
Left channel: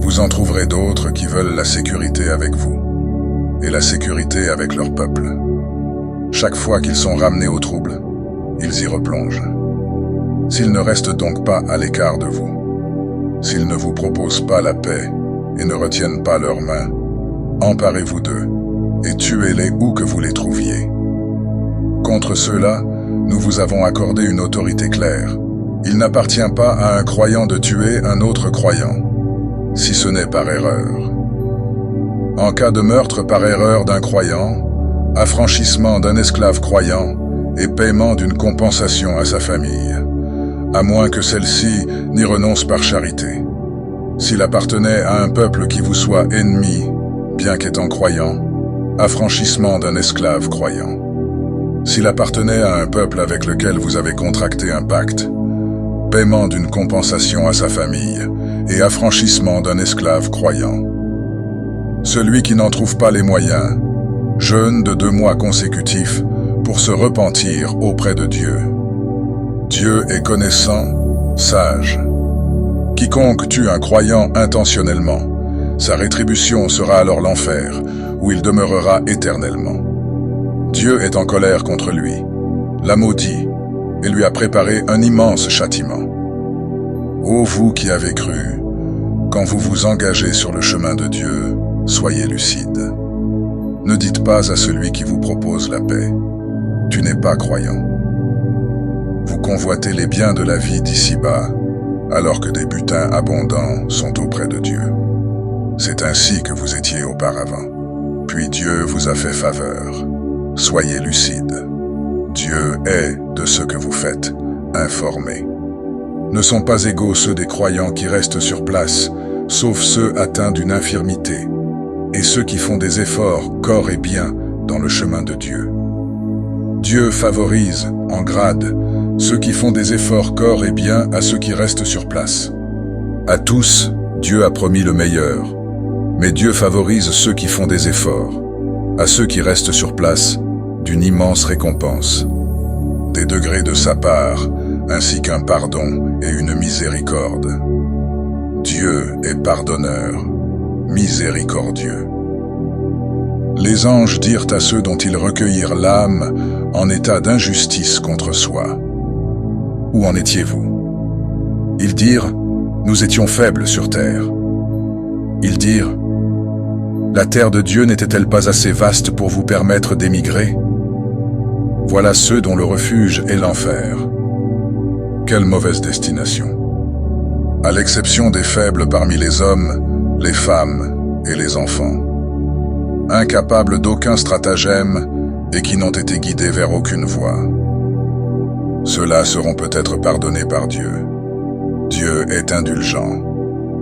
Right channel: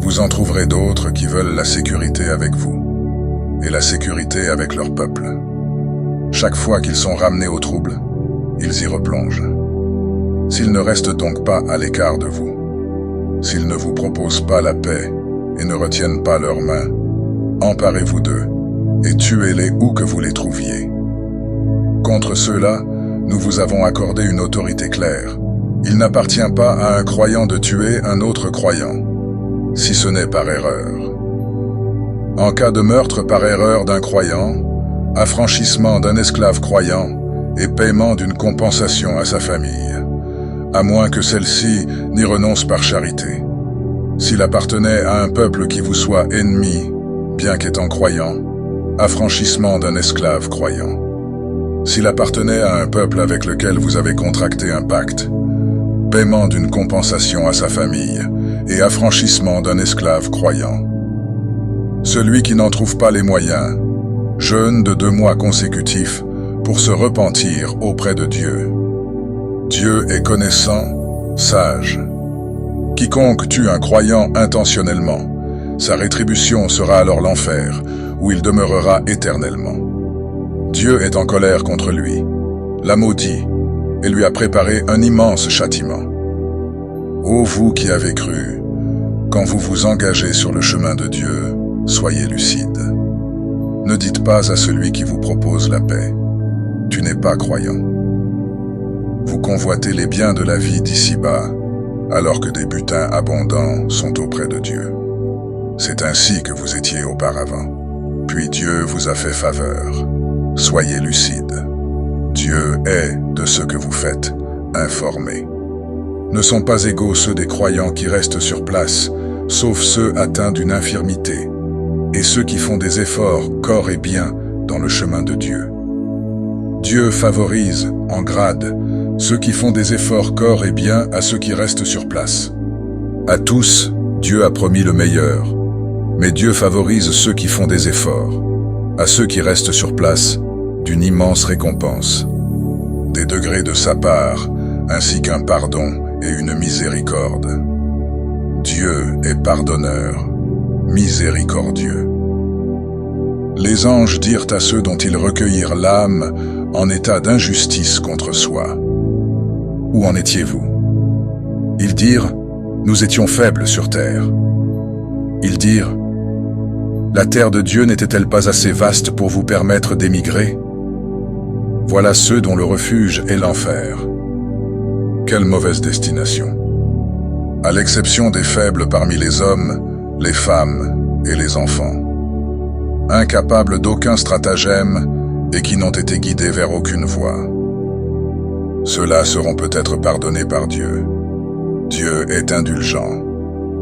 Vous en trouverez d'autres qui veulent la sécurité avec vous, et la sécurité avec leur peuple. Chaque fois qu'ils sont ramenés au trouble, ils y replongent. S'ils ne restent donc pas à l'écart de vous, s'ils ne vous proposent pas la paix et ne retiennent pas leurs mains, emparez-vous d'eux et tuez-les où que vous les trouviez. Contre ceux-là, nous vous avons accordé une autorité claire. Il n'appartient pas à un croyant de tuer un autre croyant, si ce n'est par erreur. En cas de meurtre par erreur d'un croyant, affranchissement d'un esclave croyant et paiement d'une compensation à sa famille, à moins que celle-ci n'y renonce par charité. S'il appartenait à un peuple qui vous soit ennemi, bien qu'étant croyant, affranchissement d'un esclave croyant. S'il appartenait à un peuple avec lequel vous avez contracté un pacte, paiement d'une compensation à sa famille et affranchissement d'un esclave croyant. Celui qui n'en trouve pas les moyens, jeûne de 2 mois consécutifs pour se repentir auprès de Dieu. Dieu est connaissant, sage. Quiconque tue un croyant intentionnellement, sa rétribution sera alors l'enfer, où il demeurera éternellement. Dieu est en colère contre lui, l'a maudit, et lui a préparé un immense châtiment. Ô vous qui avez cru, quand vous vous engagez sur le chemin de Dieu, soyez lucide. Ne dites pas à celui qui vous propose la paix, « Tu n'es pas croyant ». Vous convoitez les biens de la vie d'ici-bas, alors que des butins abondants sont auprès de Dieu. C'est ainsi que vous étiez auparavant. Puis Dieu vous a fait faveur. Soyez lucide. Dieu est, de ce que vous faites, informé. Ne sont pas égaux ceux des croyants qui restent sur place, sauf ceux atteints d'une infirmité, et ceux qui font des efforts, corps et biens, dans le chemin de Dieu. Dieu favorise, en grade, ceux qui font des efforts corps et biens à ceux qui restent sur place. À tous, Dieu a promis le meilleur, mais Dieu favorise ceux qui font des efforts. À ceux qui restent sur place, d'une immense récompense. Des degrés de sa part, ainsi qu'un pardon et une miséricorde. Dieu est pardonneur, miséricordieux. Les anges dirent à ceux dont ils recueillirent l'âme en état d'injustice contre soi. Où en étiez-vous? Ils dirent, nous étions faibles sur terre. Ils dirent, la terre de Dieu n'était-elle pas assez vaste pour vous permettre d'émigrer? Voilà ceux dont le refuge est l'enfer. Quelle mauvaise destination! À l'exception des faibles parmi les hommes, les femmes et les enfants. Incapables d'aucun stratagème et qui n'ont été guidés vers aucune voie. Ceux-là seront peut-être pardonnés par Dieu. Dieu est indulgent,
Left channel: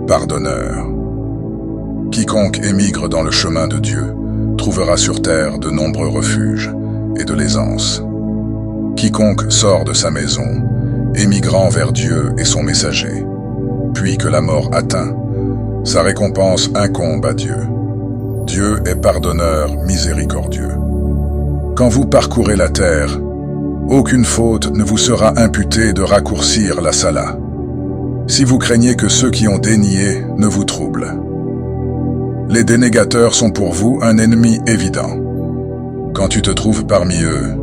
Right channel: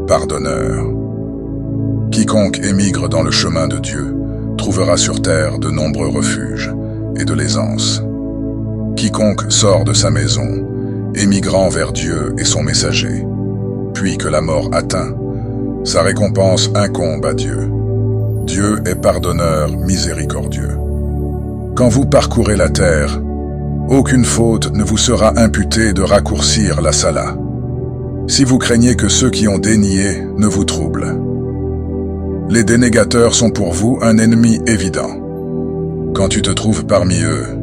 pardonneur. Quiconque émigre dans le chemin de Dieu trouvera sur terre de nombreux refuges et de l'aisance. Quiconque sort de sa maison, émigrant vers Dieu et son messager, puis que la mort atteint, sa récompense incombe à Dieu. Dieu est pardonneur miséricordieux. Quand vous parcourez la terre, aucune faute ne vous sera imputée de raccourcir la sala, si vous craignez que ceux qui ont dénié ne vous troublent. Les dénégateurs sont pour vous un ennemi évident. Quand tu te trouves parmi eux,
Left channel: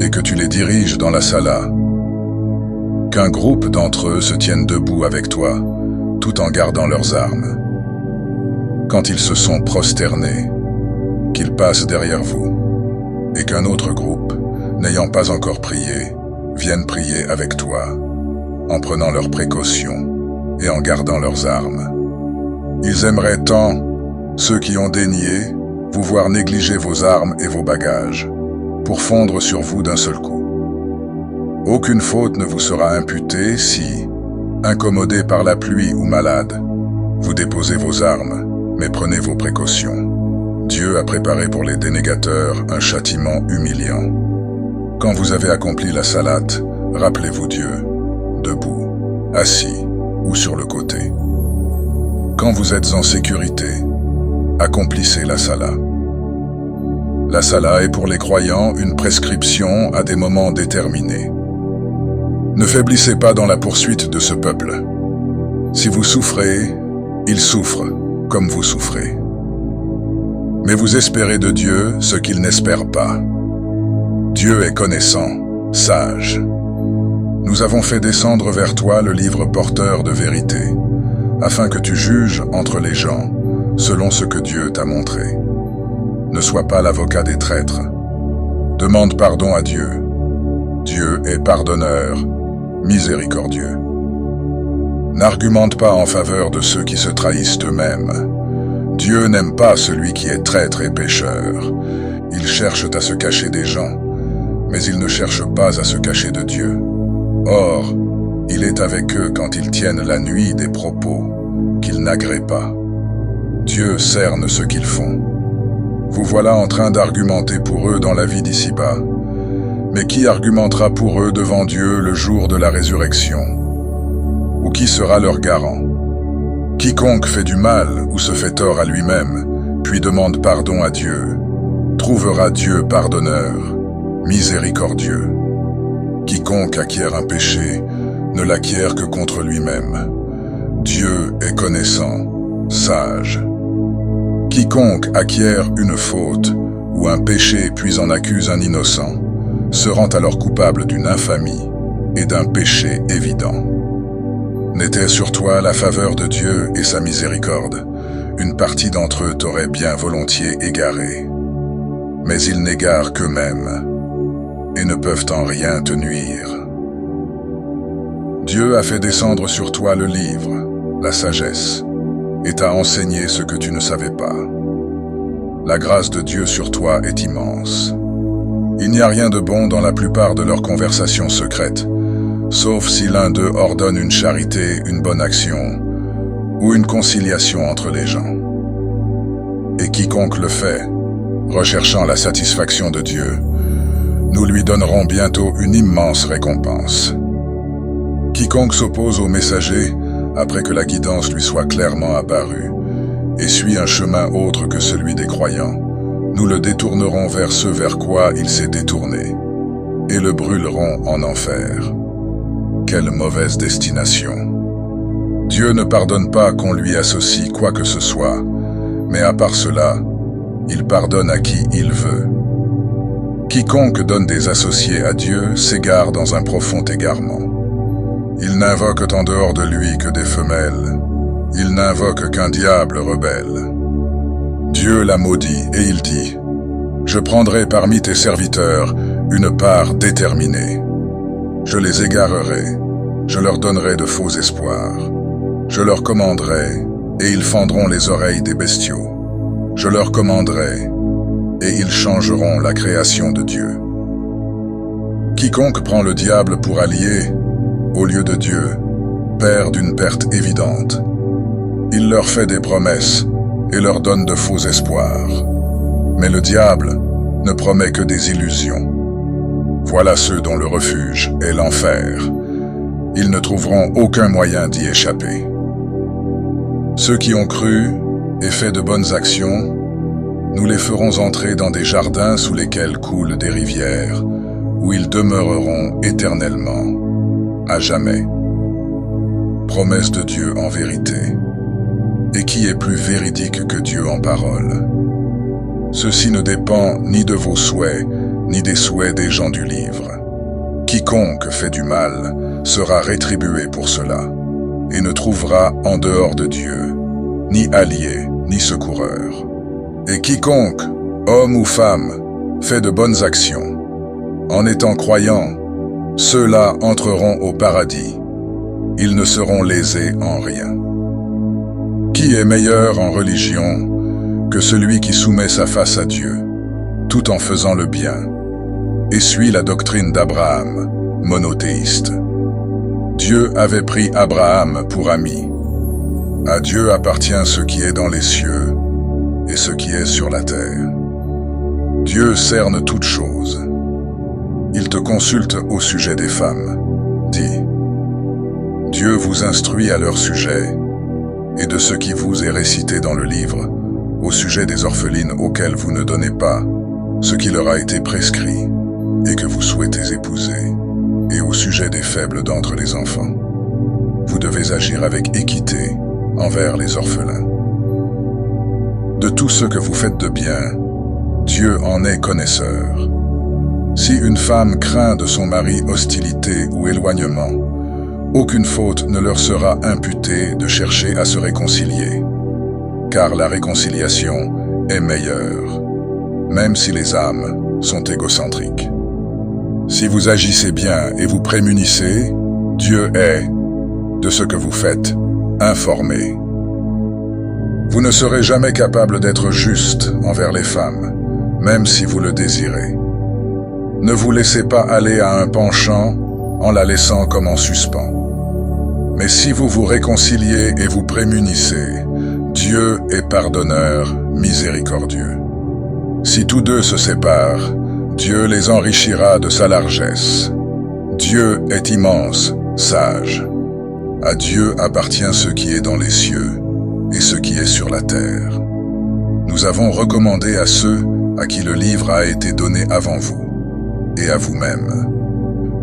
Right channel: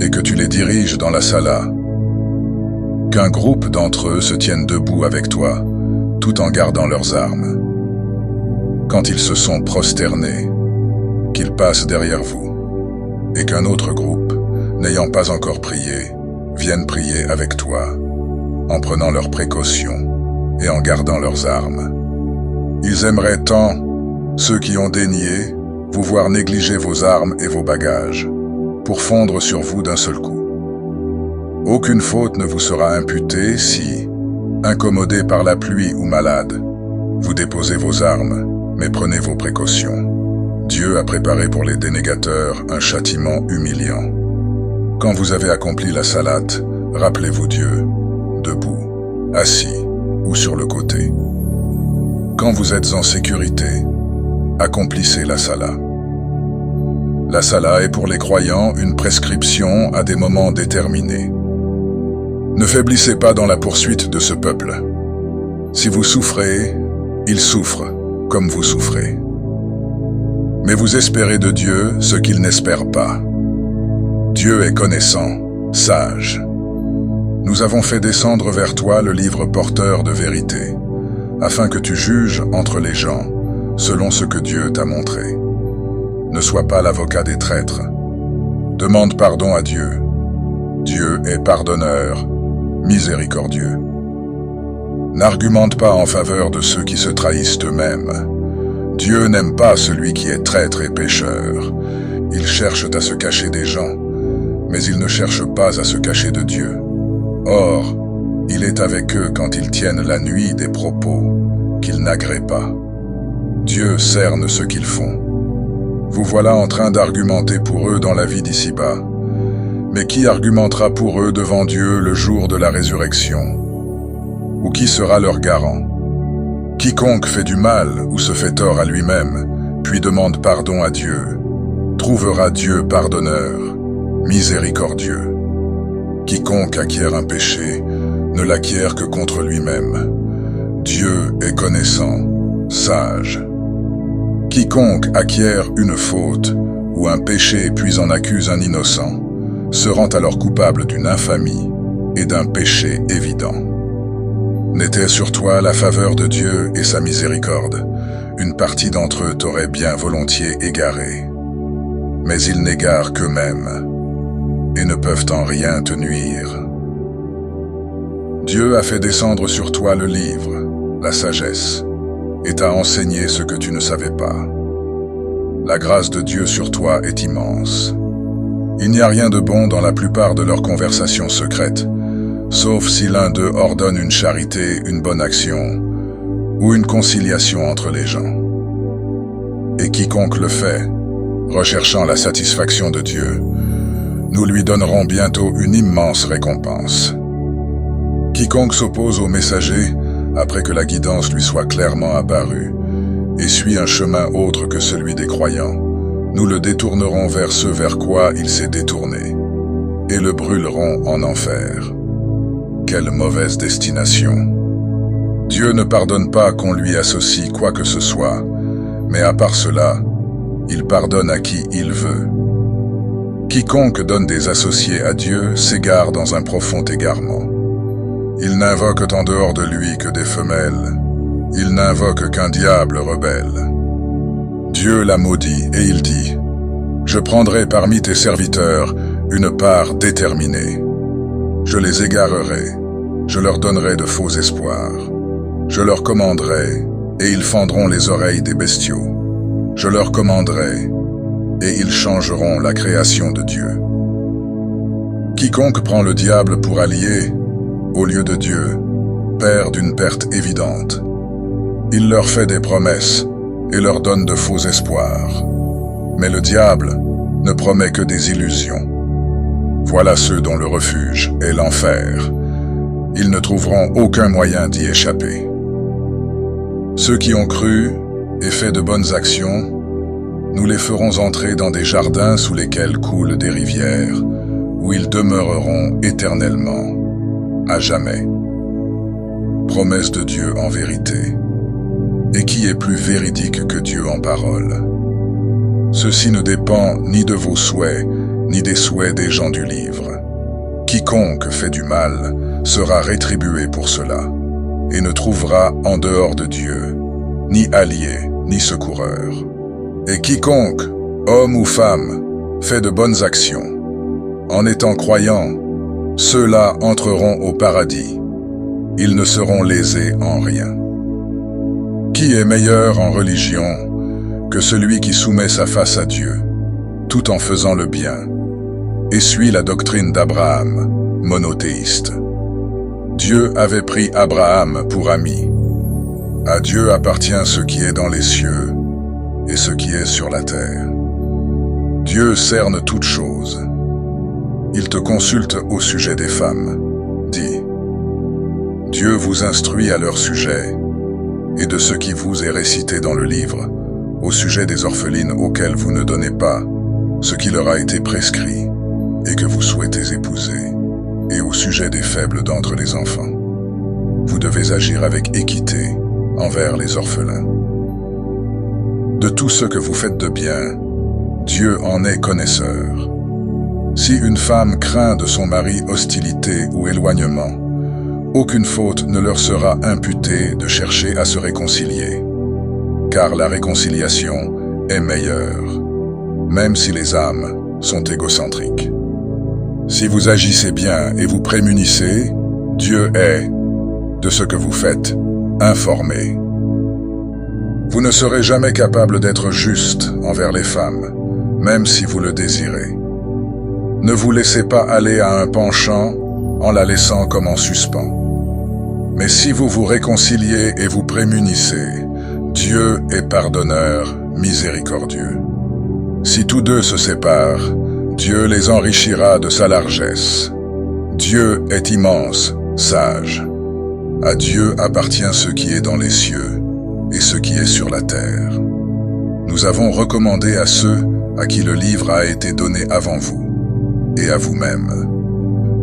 et que tu les diriges dans la sala, qu'un groupe d'entre eux se tienne debout avec toi, tout en gardant leurs armes. Quand ils se sont prosternés, qu'ils passent derrière vous, et qu'un autre groupe, n'ayant pas encore prié, vienne prier avec toi, en prenant leurs précautions et en gardant leurs armes. Ils aimeraient tant, ceux qui ont dénié, vous voir négliger vos armes et vos bagages, pour fondre sur vous d'un seul coup. Aucune faute ne vous sera imputée si, Incommodé par la pluie ou malade, vous déposez vos armes, mais prenez vos précautions. Dieu a préparé pour les dénégateurs un châtiment humiliant. Quand vous avez accompli la salate, rappelez-vous Dieu, debout, assis ou sur le côté. Quand vous êtes en sécurité, accomplissez la sala. La sala est pour les croyants une prescription à des moments déterminés. Ne faiblissez pas dans la poursuite de ce peuple. Si vous souffrez, il souffre comme vous souffrez. Mais vous espérez de Dieu ce qu'il n'espère pas. Dieu est connaissant, sage. Nous avons fait descendre vers toi le livre porteur de vérité, afin que tu juges entre les gens, selon ce que Dieu t'a montré. Ne sois pas l'avocat des traîtres. Demande pardon à Dieu. Dieu est pardonneur, miséricordieux. N'argumente pas en faveur de ceux qui se trahissent eux-mêmes. Dieu n'aime pas celui qui est traître et pécheur. Ils cherchent à se cacher des gens, mais ils ne cherchent pas à se cacher de Dieu. Or, il est avec eux quand ils tiennent la nuit des propos qu'ils n'agréent pas. Dieu cerne ce qu'ils font. Vous voilà en train d'argumenter pour eux dans la vie d'ici-bas. Mais qui argumentera pour eux devant Dieu le jour de la résurrection? Ou qui sera leur garant? Quiconque fait du mal ou se fait tort à lui-même, puis demande pardon à Dieu, trouvera Dieu pardonneur, miséricordieux. Quiconque acquiert un péché ne l'acquiert que contre lui-même. Dieu est connaissant, sage. Quiconque acquiert une faute ou un péché puis en accuse un innocent, se rend alors coupable d'une infamie et d'un péché évident. N'était sur toi la faveur de Dieu et sa miséricorde, une partie d'entre eux t'aurait bien volontiers égaré. Mais ils n'égarent qu'eux-mêmes, et ne peuvent en rien te nuire. Dieu a fait descendre sur toi le livre, la sagesse, et t'a enseigné ce que tu ne savais pas. La grâce de Dieu sur toi est immense. Il n'y a rien de bon dans la plupart de leurs conversations secrètes, sauf si l'un d'eux ordonne une charité, une bonne action, ou une conciliation entre les gens. Et quiconque le fait, recherchant la satisfaction de Dieu, nous lui donnerons bientôt une immense récompense. Quiconque s'oppose au messager, après que la guidance lui soit clairement apparue, et suit un chemin autre que celui des croyants, nous le détournerons vers ce vers quoi il s'est détourné, et le brûlerons en enfer. Quelle mauvaise destination! Dieu ne pardonne pas qu'on lui associe quoi que ce soit, mais à part cela, il pardonne à qui il veut. Quiconque donne des associés à Dieu s'égare dans un profond égarement. Il n'invoque en dehors de lui que des femelles. Il n'invoque qu'un diable rebelle. Dieu l'a maudit et il dit, « Je prendrai parmi tes serviteurs une part déterminée. Je les égarerai, je leur donnerai de faux espoirs. Je leur commanderai, et ils fendront les oreilles des bestiaux. Je leur commanderai, et ils changeront la création de Dieu. Quiconque prend le diable pour allié, au lieu de Dieu, perd d'une perte évidente. Il leur fait des promesses et leur donne de faux espoirs. Mais le diable ne promet que des illusions. Voilà ceux dont le refuge est l'enfer. Ils ne trouveront aucun moyen d'y échapper. Ceux qui ont cru et fait de bonnes actions, nous les ferons entrer dans des jardins sous lesquels coulent des rivières, où ils demeureront éternellement, à jamais. Promesse de Dieu en vérité. Et qui est plus véridique que Dieu en parole? Ceci ne dépend ni de vos souhaits, ni des souhaits des gens du livre. Quiconque fait du mal sera rétribué pour cela, et ne trouvera en dehors de Dieu ni allié, ni secoureur. Et quiconque, homme ou femme, fait de bonnes actions, en étant croyant, ceux-là entreront au paradis. Ils ne seront lésés en rien. Qui est meilleur en religion que celui qui soumet sa face à Dieu, tout en faisant le bien, et suit la doctrine d'Abraham, monothéiste? Dieu Dieu avait pris Abraham pour ami. À Dieu appartient ce qui est dans les cieux et ce qui est sur la terre. Dieu cerne toutes choses. Il te consulte au sujet des femmes. Dis, Dieu vous instruit à leur sujet et de ce qui vous est récité dans le livre, au sujet des orphelines auxquelles vous ne donnez pas ce qui leur a été prescrit et que vous souhaitez épouser, et au sujet des faibles d'entre les enfants. Vous devez agir avec équité envers les orphelins. De tout ce que vous faites de bien, Dieu en est connaisseur. Si une femme craint de son mari hostilité ou éloignement, aucune faute ne leur sera imputée de chercher à se réconcilier, car la réconciliation est meilleure, même si les âmes sont égocentriques. Si vous agissez bien et vous prémunissez, Dieu est, de ce que vous faites, informé. Vous ne serez jamais capable d'être juste envers les femmes, même si vous le désirez. Ne vous laissez pas aller à un penchant en la laissant comme en suspens. Mais si vous vous réconciliez et vous prémunissez, Dieu est pardonneur, miséricordieux. Si tous deux se séparent, Dieu les enrichira de sa largesse. Dieu est immense, sage. À Dieu appartient ce qui est dans les cieux et ce qui est sur la terre. Nous avons recommandé à ceux à qui le livre a été donné avant vous, et à vous-même.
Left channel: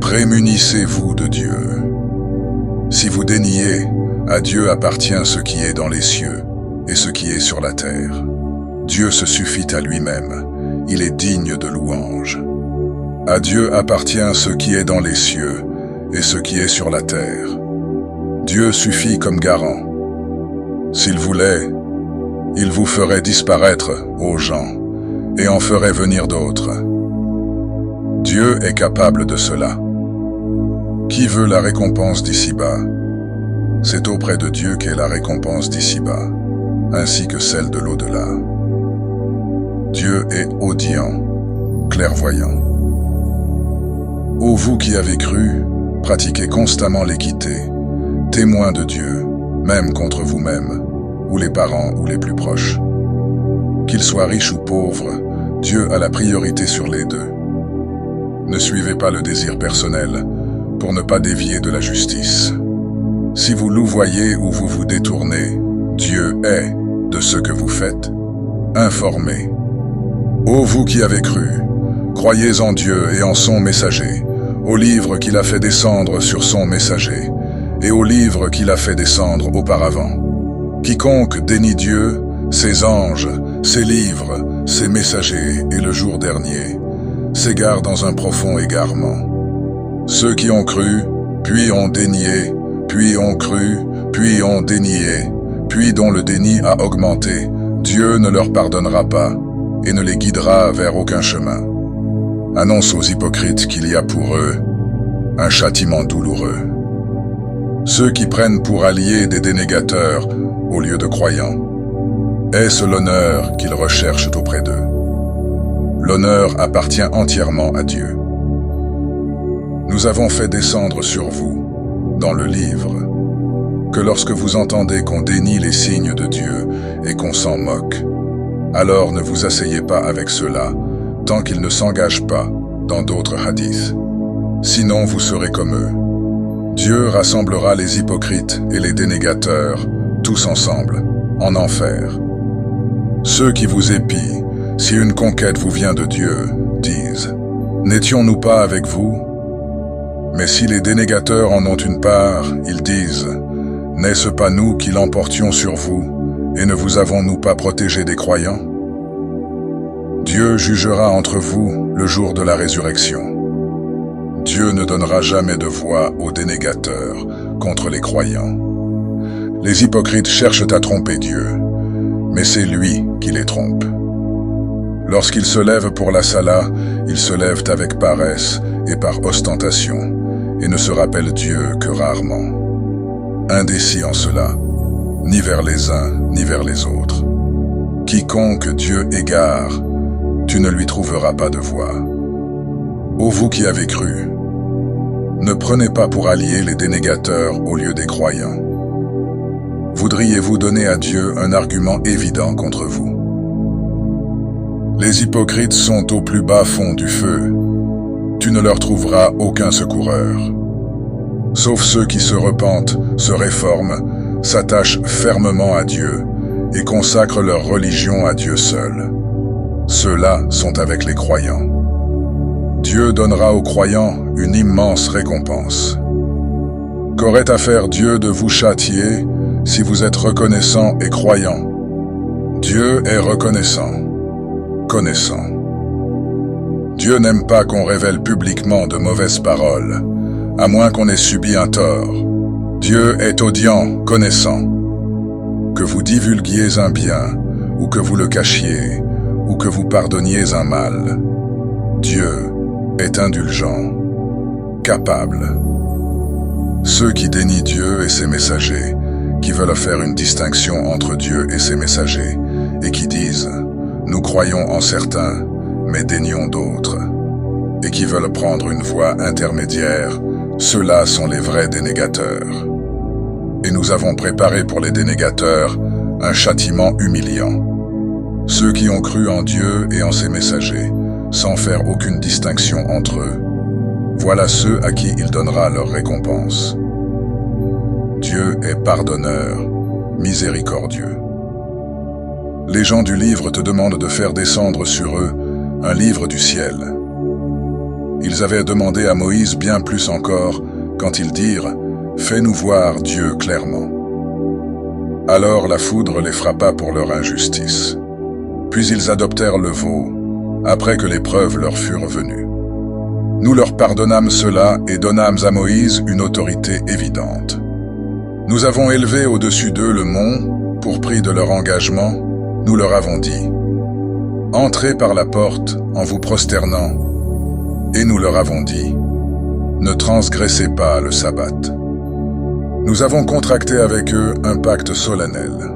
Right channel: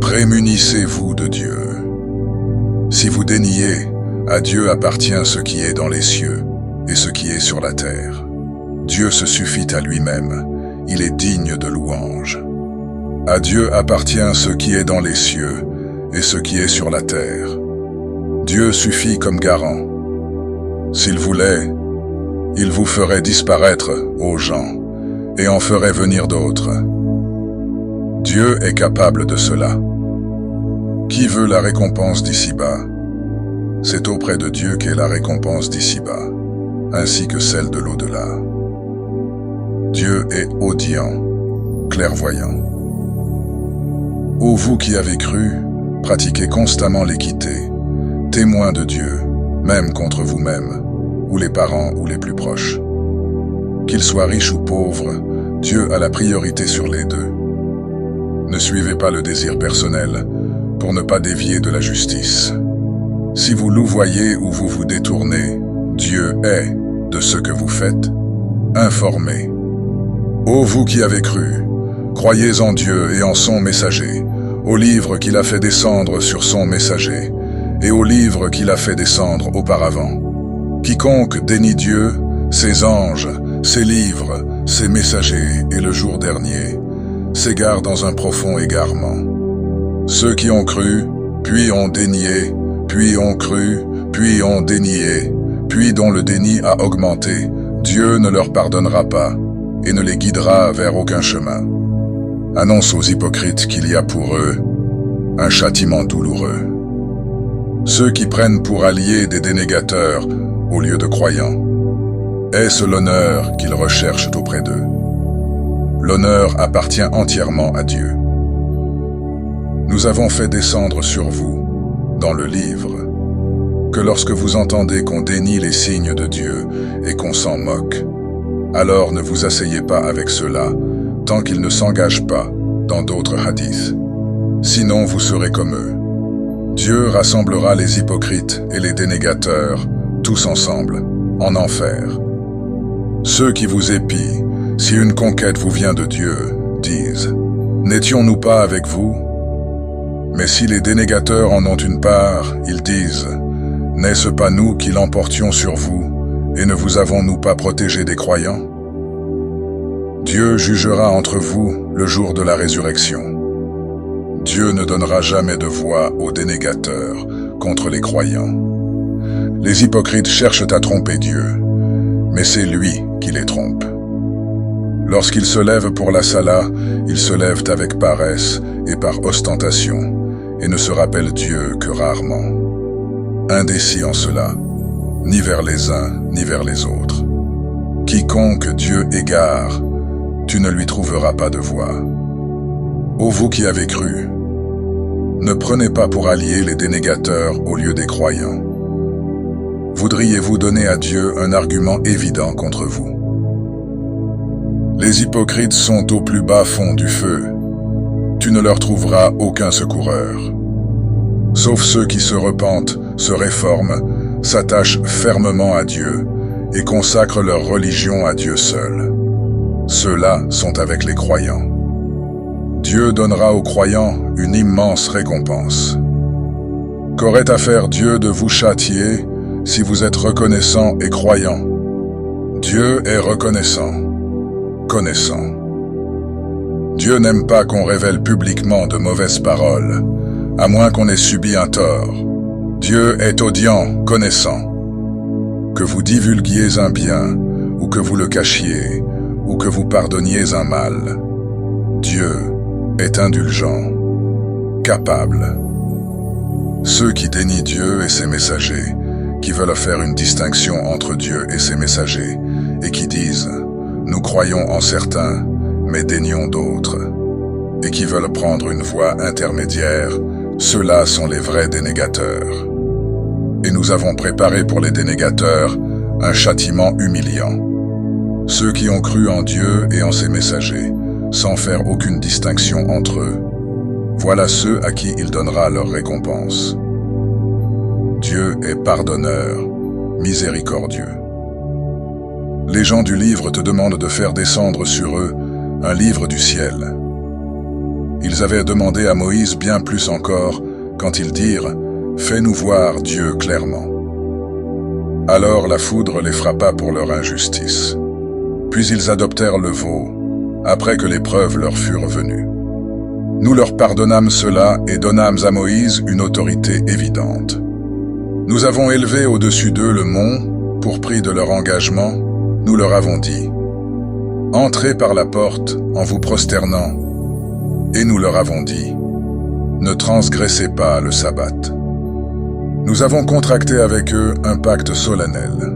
Prémunissez-vous de Dieu. Si vous déniez, à Dieu appartient ce qui est dans les cieux et ce qui est sur la terre. Dieu se suffit à lui-même, il est digne de louange. À Dieu appartient ce qui est dans les cieux et ce qui est sur la terre. Dieu suffit comme garant. S'il voulait, il vous ferait disparaître, ô gens, et en ferait venir d'autres. Dieu est capable de cela. Qui veut la récompense d'ici-bas? C'est auprès de Dieu qu'est la récompense d'ici-bas, ainsi que celle de l'au-delà. Dieu est audient, clairvoyant. Ô vous qui avez cru, pratiquez constamment l'équité, témoins de Dieu, même contre vous-même, ou les parents ou les plus proches. Qu'ils soient riches ou pauvres, Dieu a la priorité sur les deux. Ne suivez pas le désir personnel, pour ne pas dévier de la justice. Si vous louvoyez ou vous vous détournez, Dieu est, de ce que vous faites, informé. Ô vous qui avez cru, croyez en Dieu et en son messager, au livre qu'il a fait descendre sur son messager, et au livre qu'il a fait descendre auparavant. Quiconque dénie Dieu, ses anges, ses livres, ses messagers et le jour dernier, s'égare dans un profond égarement. Ceux qui ont cru, puis ont dénié, puis ont cru, puis ont dénié, puis dont le déni a augmenté, Dieu ne leur pardonnera pas et ne les guidera vers aucun chemin. Annonce aux hypocrites qu'il y a pour eux un châtiment douloureux. Ceux qui prennent pour alliés des dénégateurs au lieu de croyants, est-ce l'honneur qu'ils recherchent auprès d'eux? L'honneur appartient entièrement à Dieu. Nous avons fait descendre sur vous, dans le livre, que lorsque vous entendez qu'on dénie les signes de Dieu et qu'on s'en moque, alors ne vous asseyez pas avec ceux-là, tant qu'ils ne s'engagent pas dans d'autres hadiths. Sinon vous serez comme eux. Dieu rassemblera les hypocrites et les dénégateurs, tous ensemble, en enfer. Ceux qui vous épient, si une conquête vous vient de Dieu, disent « N'étions-nous pas avec vous ?» Mais si les dénégateurs en ont une part, ils disent « N'est-ce pas nous qui l'emportions sur vous, et ne vous avons-nous pas protégé des croyants ?» Dieu jugera entre vous le jour de la résurrection. Dieu ne donnera jamais de voix aux dénégateurs contre les croyants. Les hypocrites cherchent à tromper Dieu, mais c'est lui qui les trompe. Lorsqu'ils se lèvent pour la sala, ils se lèvent avec paresse et par ostentation, et ne se rappellent Dieu que rarement. Indécis en cela, ni vers les uns ni vers les autres. Quiconque Dieu égare, tu ne lui trouveras pas de voie. Ô vous qui avez cru, Ne prenez pas pour alliés les dénégateurs au lieu des croyants. Voudriez-vous donner à Dieu un argument évident contre vous? Les hypocrites sont au plus bas fond du feu. Tu ne leur trouveras aucun secoureur. Sauf ceux qui se repentent, se réforment, s'attachent fermement à Dieu et consacrent leur religion à Dieu seul. Ceux-là sont avec les croyants. Dieu donnera aux croyants une immense récompense. Qu'aurait à faire Dieu de vous châtier si vous êtes reconnaissant et croyant? Dieu est reconnaissant, connaissant. Dieu n'aime pas qu'on révèle publiquement de mauvaises paroles, à moins qu'on ait subi un tort. Dieu est audient, connaissant. Que vous divulguiez un bien, ou que vous le cachiez, ou que vous pardonniez un mal, Dieu est indulgent, capable. Ceux qui dénient Dieu et ses messagers, qui veulent faire une distinction entre Dieu et ses messagers, et qui disent « Nous croyons en certains, mais dénions d'autres », et qui veulent prendre une voie intermédiaire, ceux-là sont les vrais dénégateurs. Et nous avons préparé pour les dénégateurs un châtiment humiliant. Ceux qui ont cru en Dieu et en ses messagers, sans faire aucune distinction entre eux, voilà ceux à qui il donnera leur récompense. Dieu est pardonneur, miséricordieux. Les gens du livre te demandent de faire descendre sur eux un livre du ciel. Ils avaient demandé à Moïse bien plus encore quand ils dirent « Fais-nous voir Dieu clairement ». Alors la foudre les frappa pour leur injustice. Puis ils adoptèrent le veau, après que les preuves leur furent venues. Nous leur pardonnâmes cela et donnâmes à Moïse une autorité évidente. Nous avons élevé au-dessus d'eux le mont, pour prix de leur engagement, nous leur avons dit « Entrez par la porte en vous prosternant ». Et nous leur avons dit « Ne transgressez pas le sabbat ». Nous avons contracté avec eux un pacte solennel.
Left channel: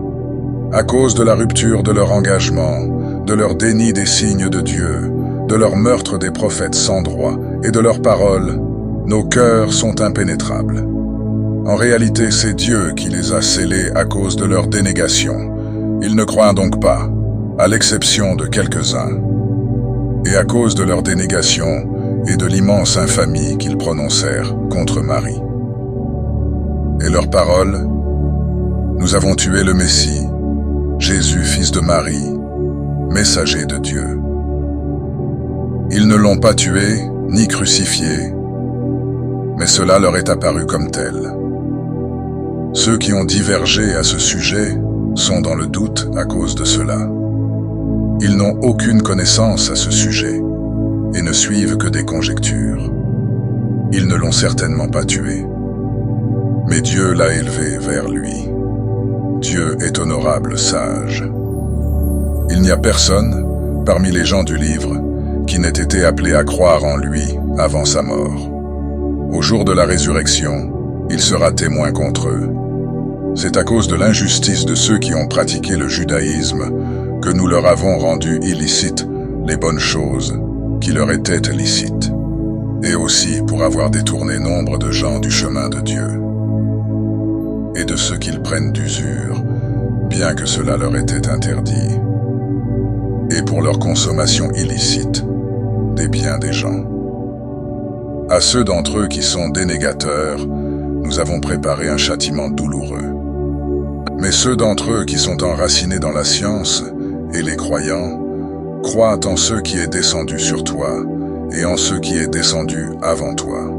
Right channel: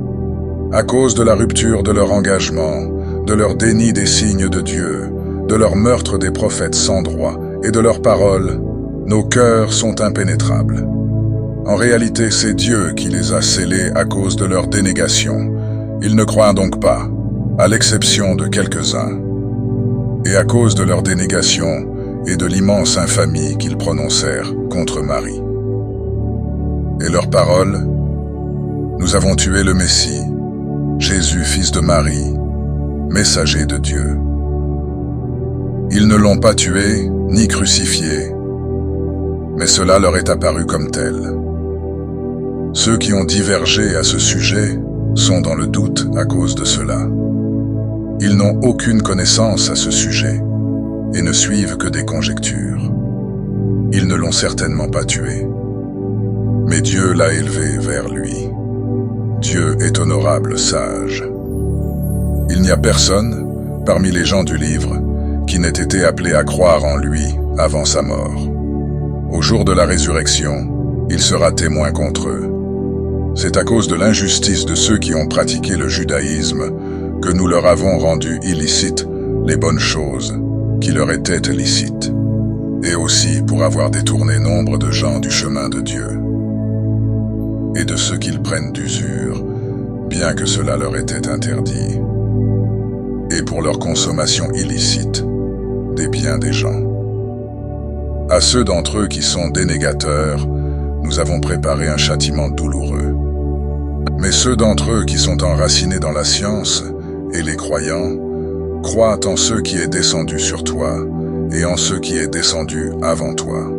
À cause de la rupture de leur engagement, de leur déni des signes de Dieu, de leur meurtre des prophètes sans droit et de leurs paroles, nos cœurs sont impénétrables. En réalité, c'est Dieu qui les a scellés à cause de leur dénégation. Ils ne croient donc pas, à l'exception de quelques-uns. Et à cause de leur dénégation et de l'immense infamie qu'ils prononcèrent contre Marie. Et leurs paroles, nous avons tué le Messie, Jésus, fils de Marie, messager de Dieu. Ils ne l'ont pas tué, ni crucifié, mais cela leur est apparu comme tel. Ceux qui ont divergé à ce sujet sont dans le doute à cause de cela. Ils n'ont aucune connaissance à ce sujet et ne suivent que des conjectures. Ils ne l'ont certainement pas tué, mais Dieu l'a élevé vers lui. Dieu est honorable, sage. Il n'y a personne, parmi les gens du livre, qui n'ait été appelé à croire en lui avant sa mort. Au jour de la résurrection, il sera témoin contre eux. C'est à cause de l'injustice de ceux qui ont pratiqué le judaïsme que nous leur avons rendu illicites les bonnes choses qui leur étaient licites, et aussi pour avoir détourné nombre de gens du chemin de Dieu, et de ceux qu'ils prennent d'usure, bien que cela leur était interdit, et pour leur consommation illicite des biens des gens. À ceux d'entre eux qui sont dénégateurs, nous avons préparé un châtiment douloureux. Mais ceux d'entre eux qui sont enracinés dans la science, et les croyants, croient en ceux qui est descendu sur toi, et en ceux qui est descendu avant toi.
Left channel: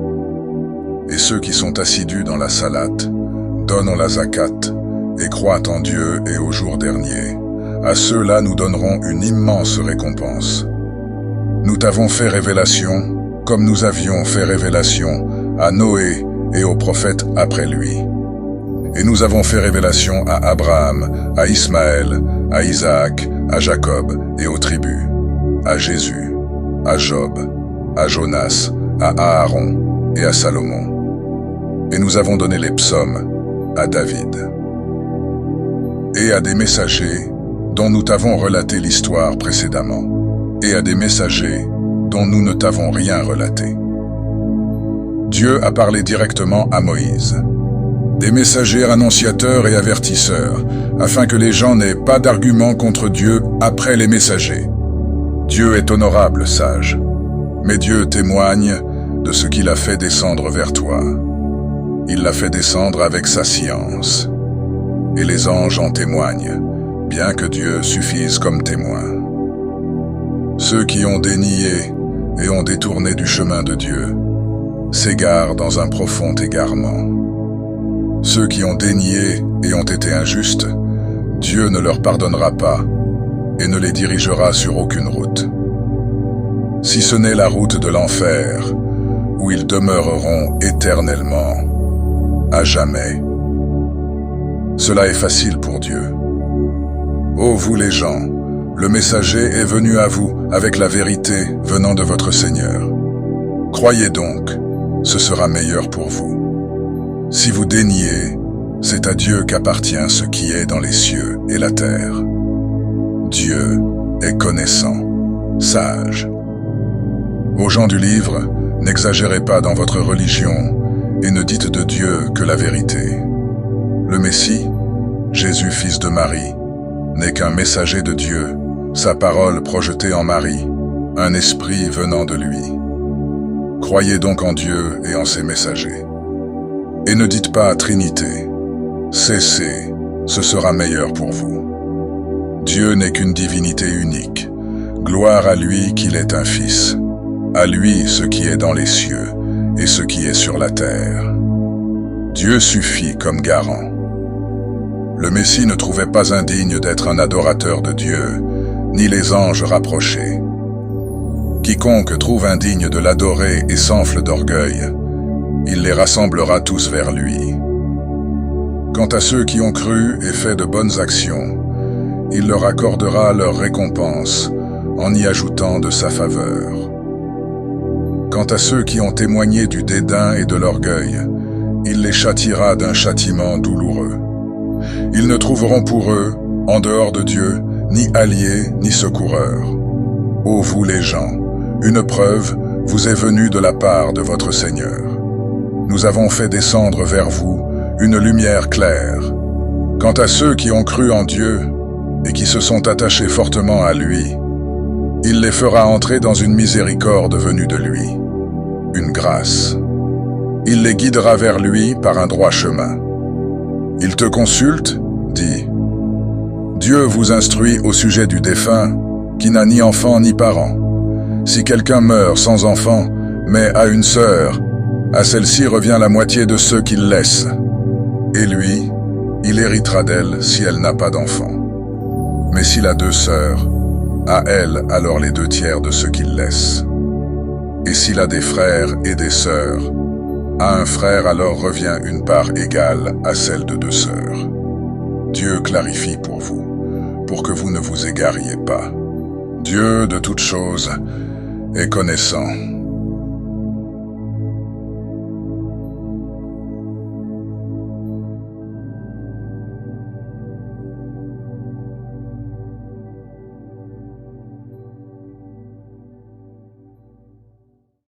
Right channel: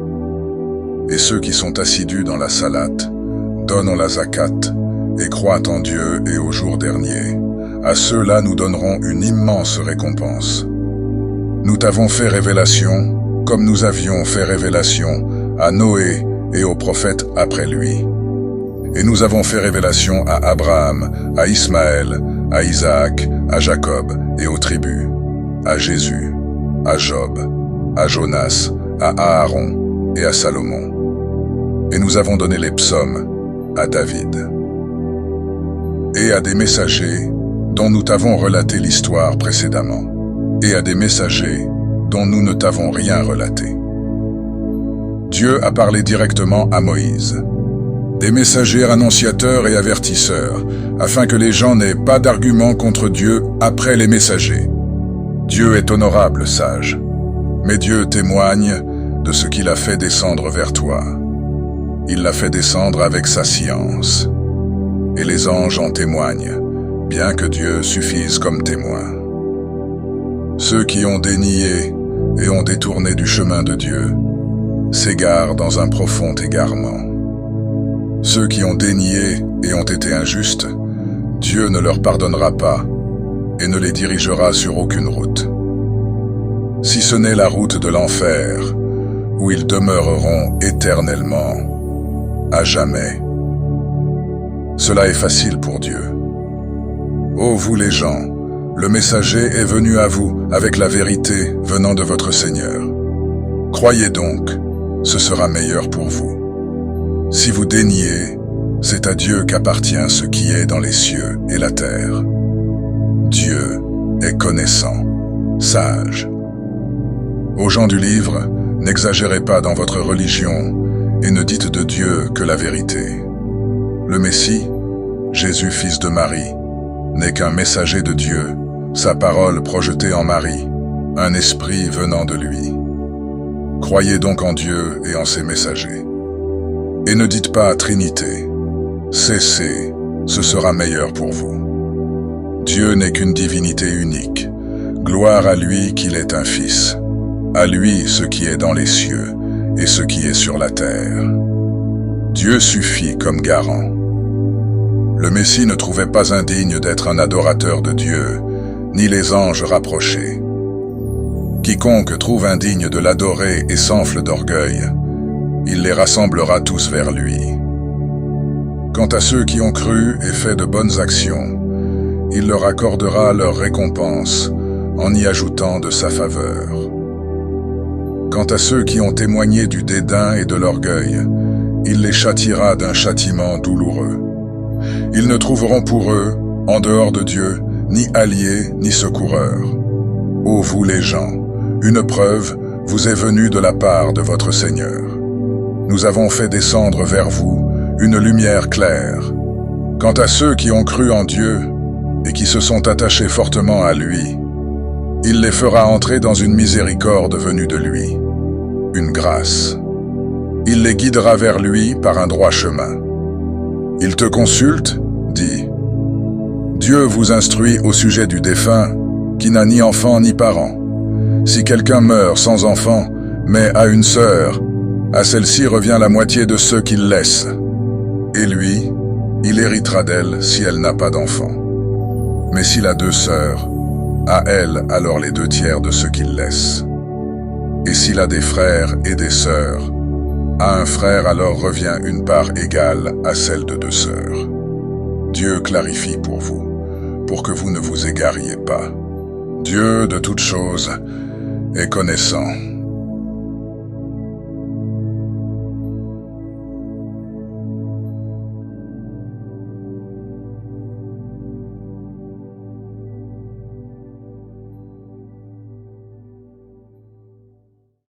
Et ceux qui sont assidus dans la salate, donnent la zakat, et croient en Dieu et au jour dernier. À ceux-là nous donnerons une immense récompense. Nous t'avons fait révélation, comme nous avions fait révélation à Noé et aux prophètes après lui. Et nous avons fait révélation à Abraham, à Ismaël, à Isaac, à Jacob et aux tribus, à Jésus, à Job, à Jonas, à Aaron et à Salomon. Et nous avons donné les psaumes à David. Et à des messagers dont nous t'avons relaté l'histoire précédemment, et à des messagers dont nous ne t'avons rien relaté. Dieu a parlé directement à Moïse. Des messagers annonciateurs et avertisseurs, afin que les gens n'aient pas d'arguments contre Dieu après les messagers. Dieu est honorable, sage, mais Dieu témoigne de ce qu'il a fait descendre vers toi. Il l'a fait descendre avec sa science. Et les anges en témoignent, bien que Dieu suffise comme témoin. Ceux qui ont dénié et ont détourné du chemin de Dieu s'égarent dans un profond égarement. Ceux qui ont dénié et ont été injustes, Dieu ne leur pardonnera pas et ne les dirigera sur aucune route. Si ce n'est la route de l'enfer, où ils demeureront éternellement, à jamais. Cela est facile pour Dieu. Ô vous les gens, le messager est venu à vous avec la vérité venant de votre Seigneur. Croyez donc, ce sera meilleur pour vous. Si vous déniez, c'est à Dieu qu'appartient ce qui est dans les cieux et la terre. Dieu est connaissant, sage. Aux gens du livre, n'exagérez pas dans votre religion et ne dites de Dieu que la vérité. Le Messie, Jésus fils de Marie, n'est qu'un messager de Dieu, sa parole projetée en Marie, un esprit venant de lui. Croyez donc en Dieu et en ses messagers. Et ne dites pas Trinité. Cessez, ce sera meilleur pour vous. Dieu n'est qu'une divinité unique. Gloire à lui qu'il est un fils. À lui ce qui est dans les cieux et ce qui est sur la terre. Dieu suffit comme garant. Le Messie ne trouvait pas indigne d'être un adorateur de Dieu, ni les anges rapprochés. Quiconque trouve indigne de l'adorer et s'enfle d'orgueil, il les rassemblera tous vers lui. Quant à ceux qui ont cru et fait de bonnes actions, il leur accordera leur récompense en y ajoutant de sa faveur. Quant à ceux qui ont témoigné du dédain et de l'orgueil, il les châtiera d'un châtiment douloureux. Ils ne trouveront pour eux, en dehors de Dieu, ni alliés ni secoureurs. Ô vous les gens, une preuve vous est venue de la part de votre Seigneur. Nous avons fait descendre vers vous une lumière claire. Quant à ceux qui ont cru en Dieu et qui se sont attachés fortement à lui, il les fera entrer dans une miséricorde venue de lui, une grâce. Il les guidera vers lui par un droit chemin. Il te consulte, dit. Dieu vous instruit au sujet du défunt, qui n'a ni enfant ni parent. Si quelqu'un meurt sans enfant, mais a une sœur, à celle-ci revient la moitié de ceux qu'il laisse. Et lui, il héritera d'elle si elle n'a pas d'enfant. Mais s'il a 2 sœurs, à elle alors les 2 tiers de ce qu'il laisse. Et s'il a des frères et des sœurs, à un frère alors revient une part égale à celle de 2 sœurs. Dieu clarifie pour vous, pour que vous ne vous égariez pas. Dieu de toutes choses est connaissant.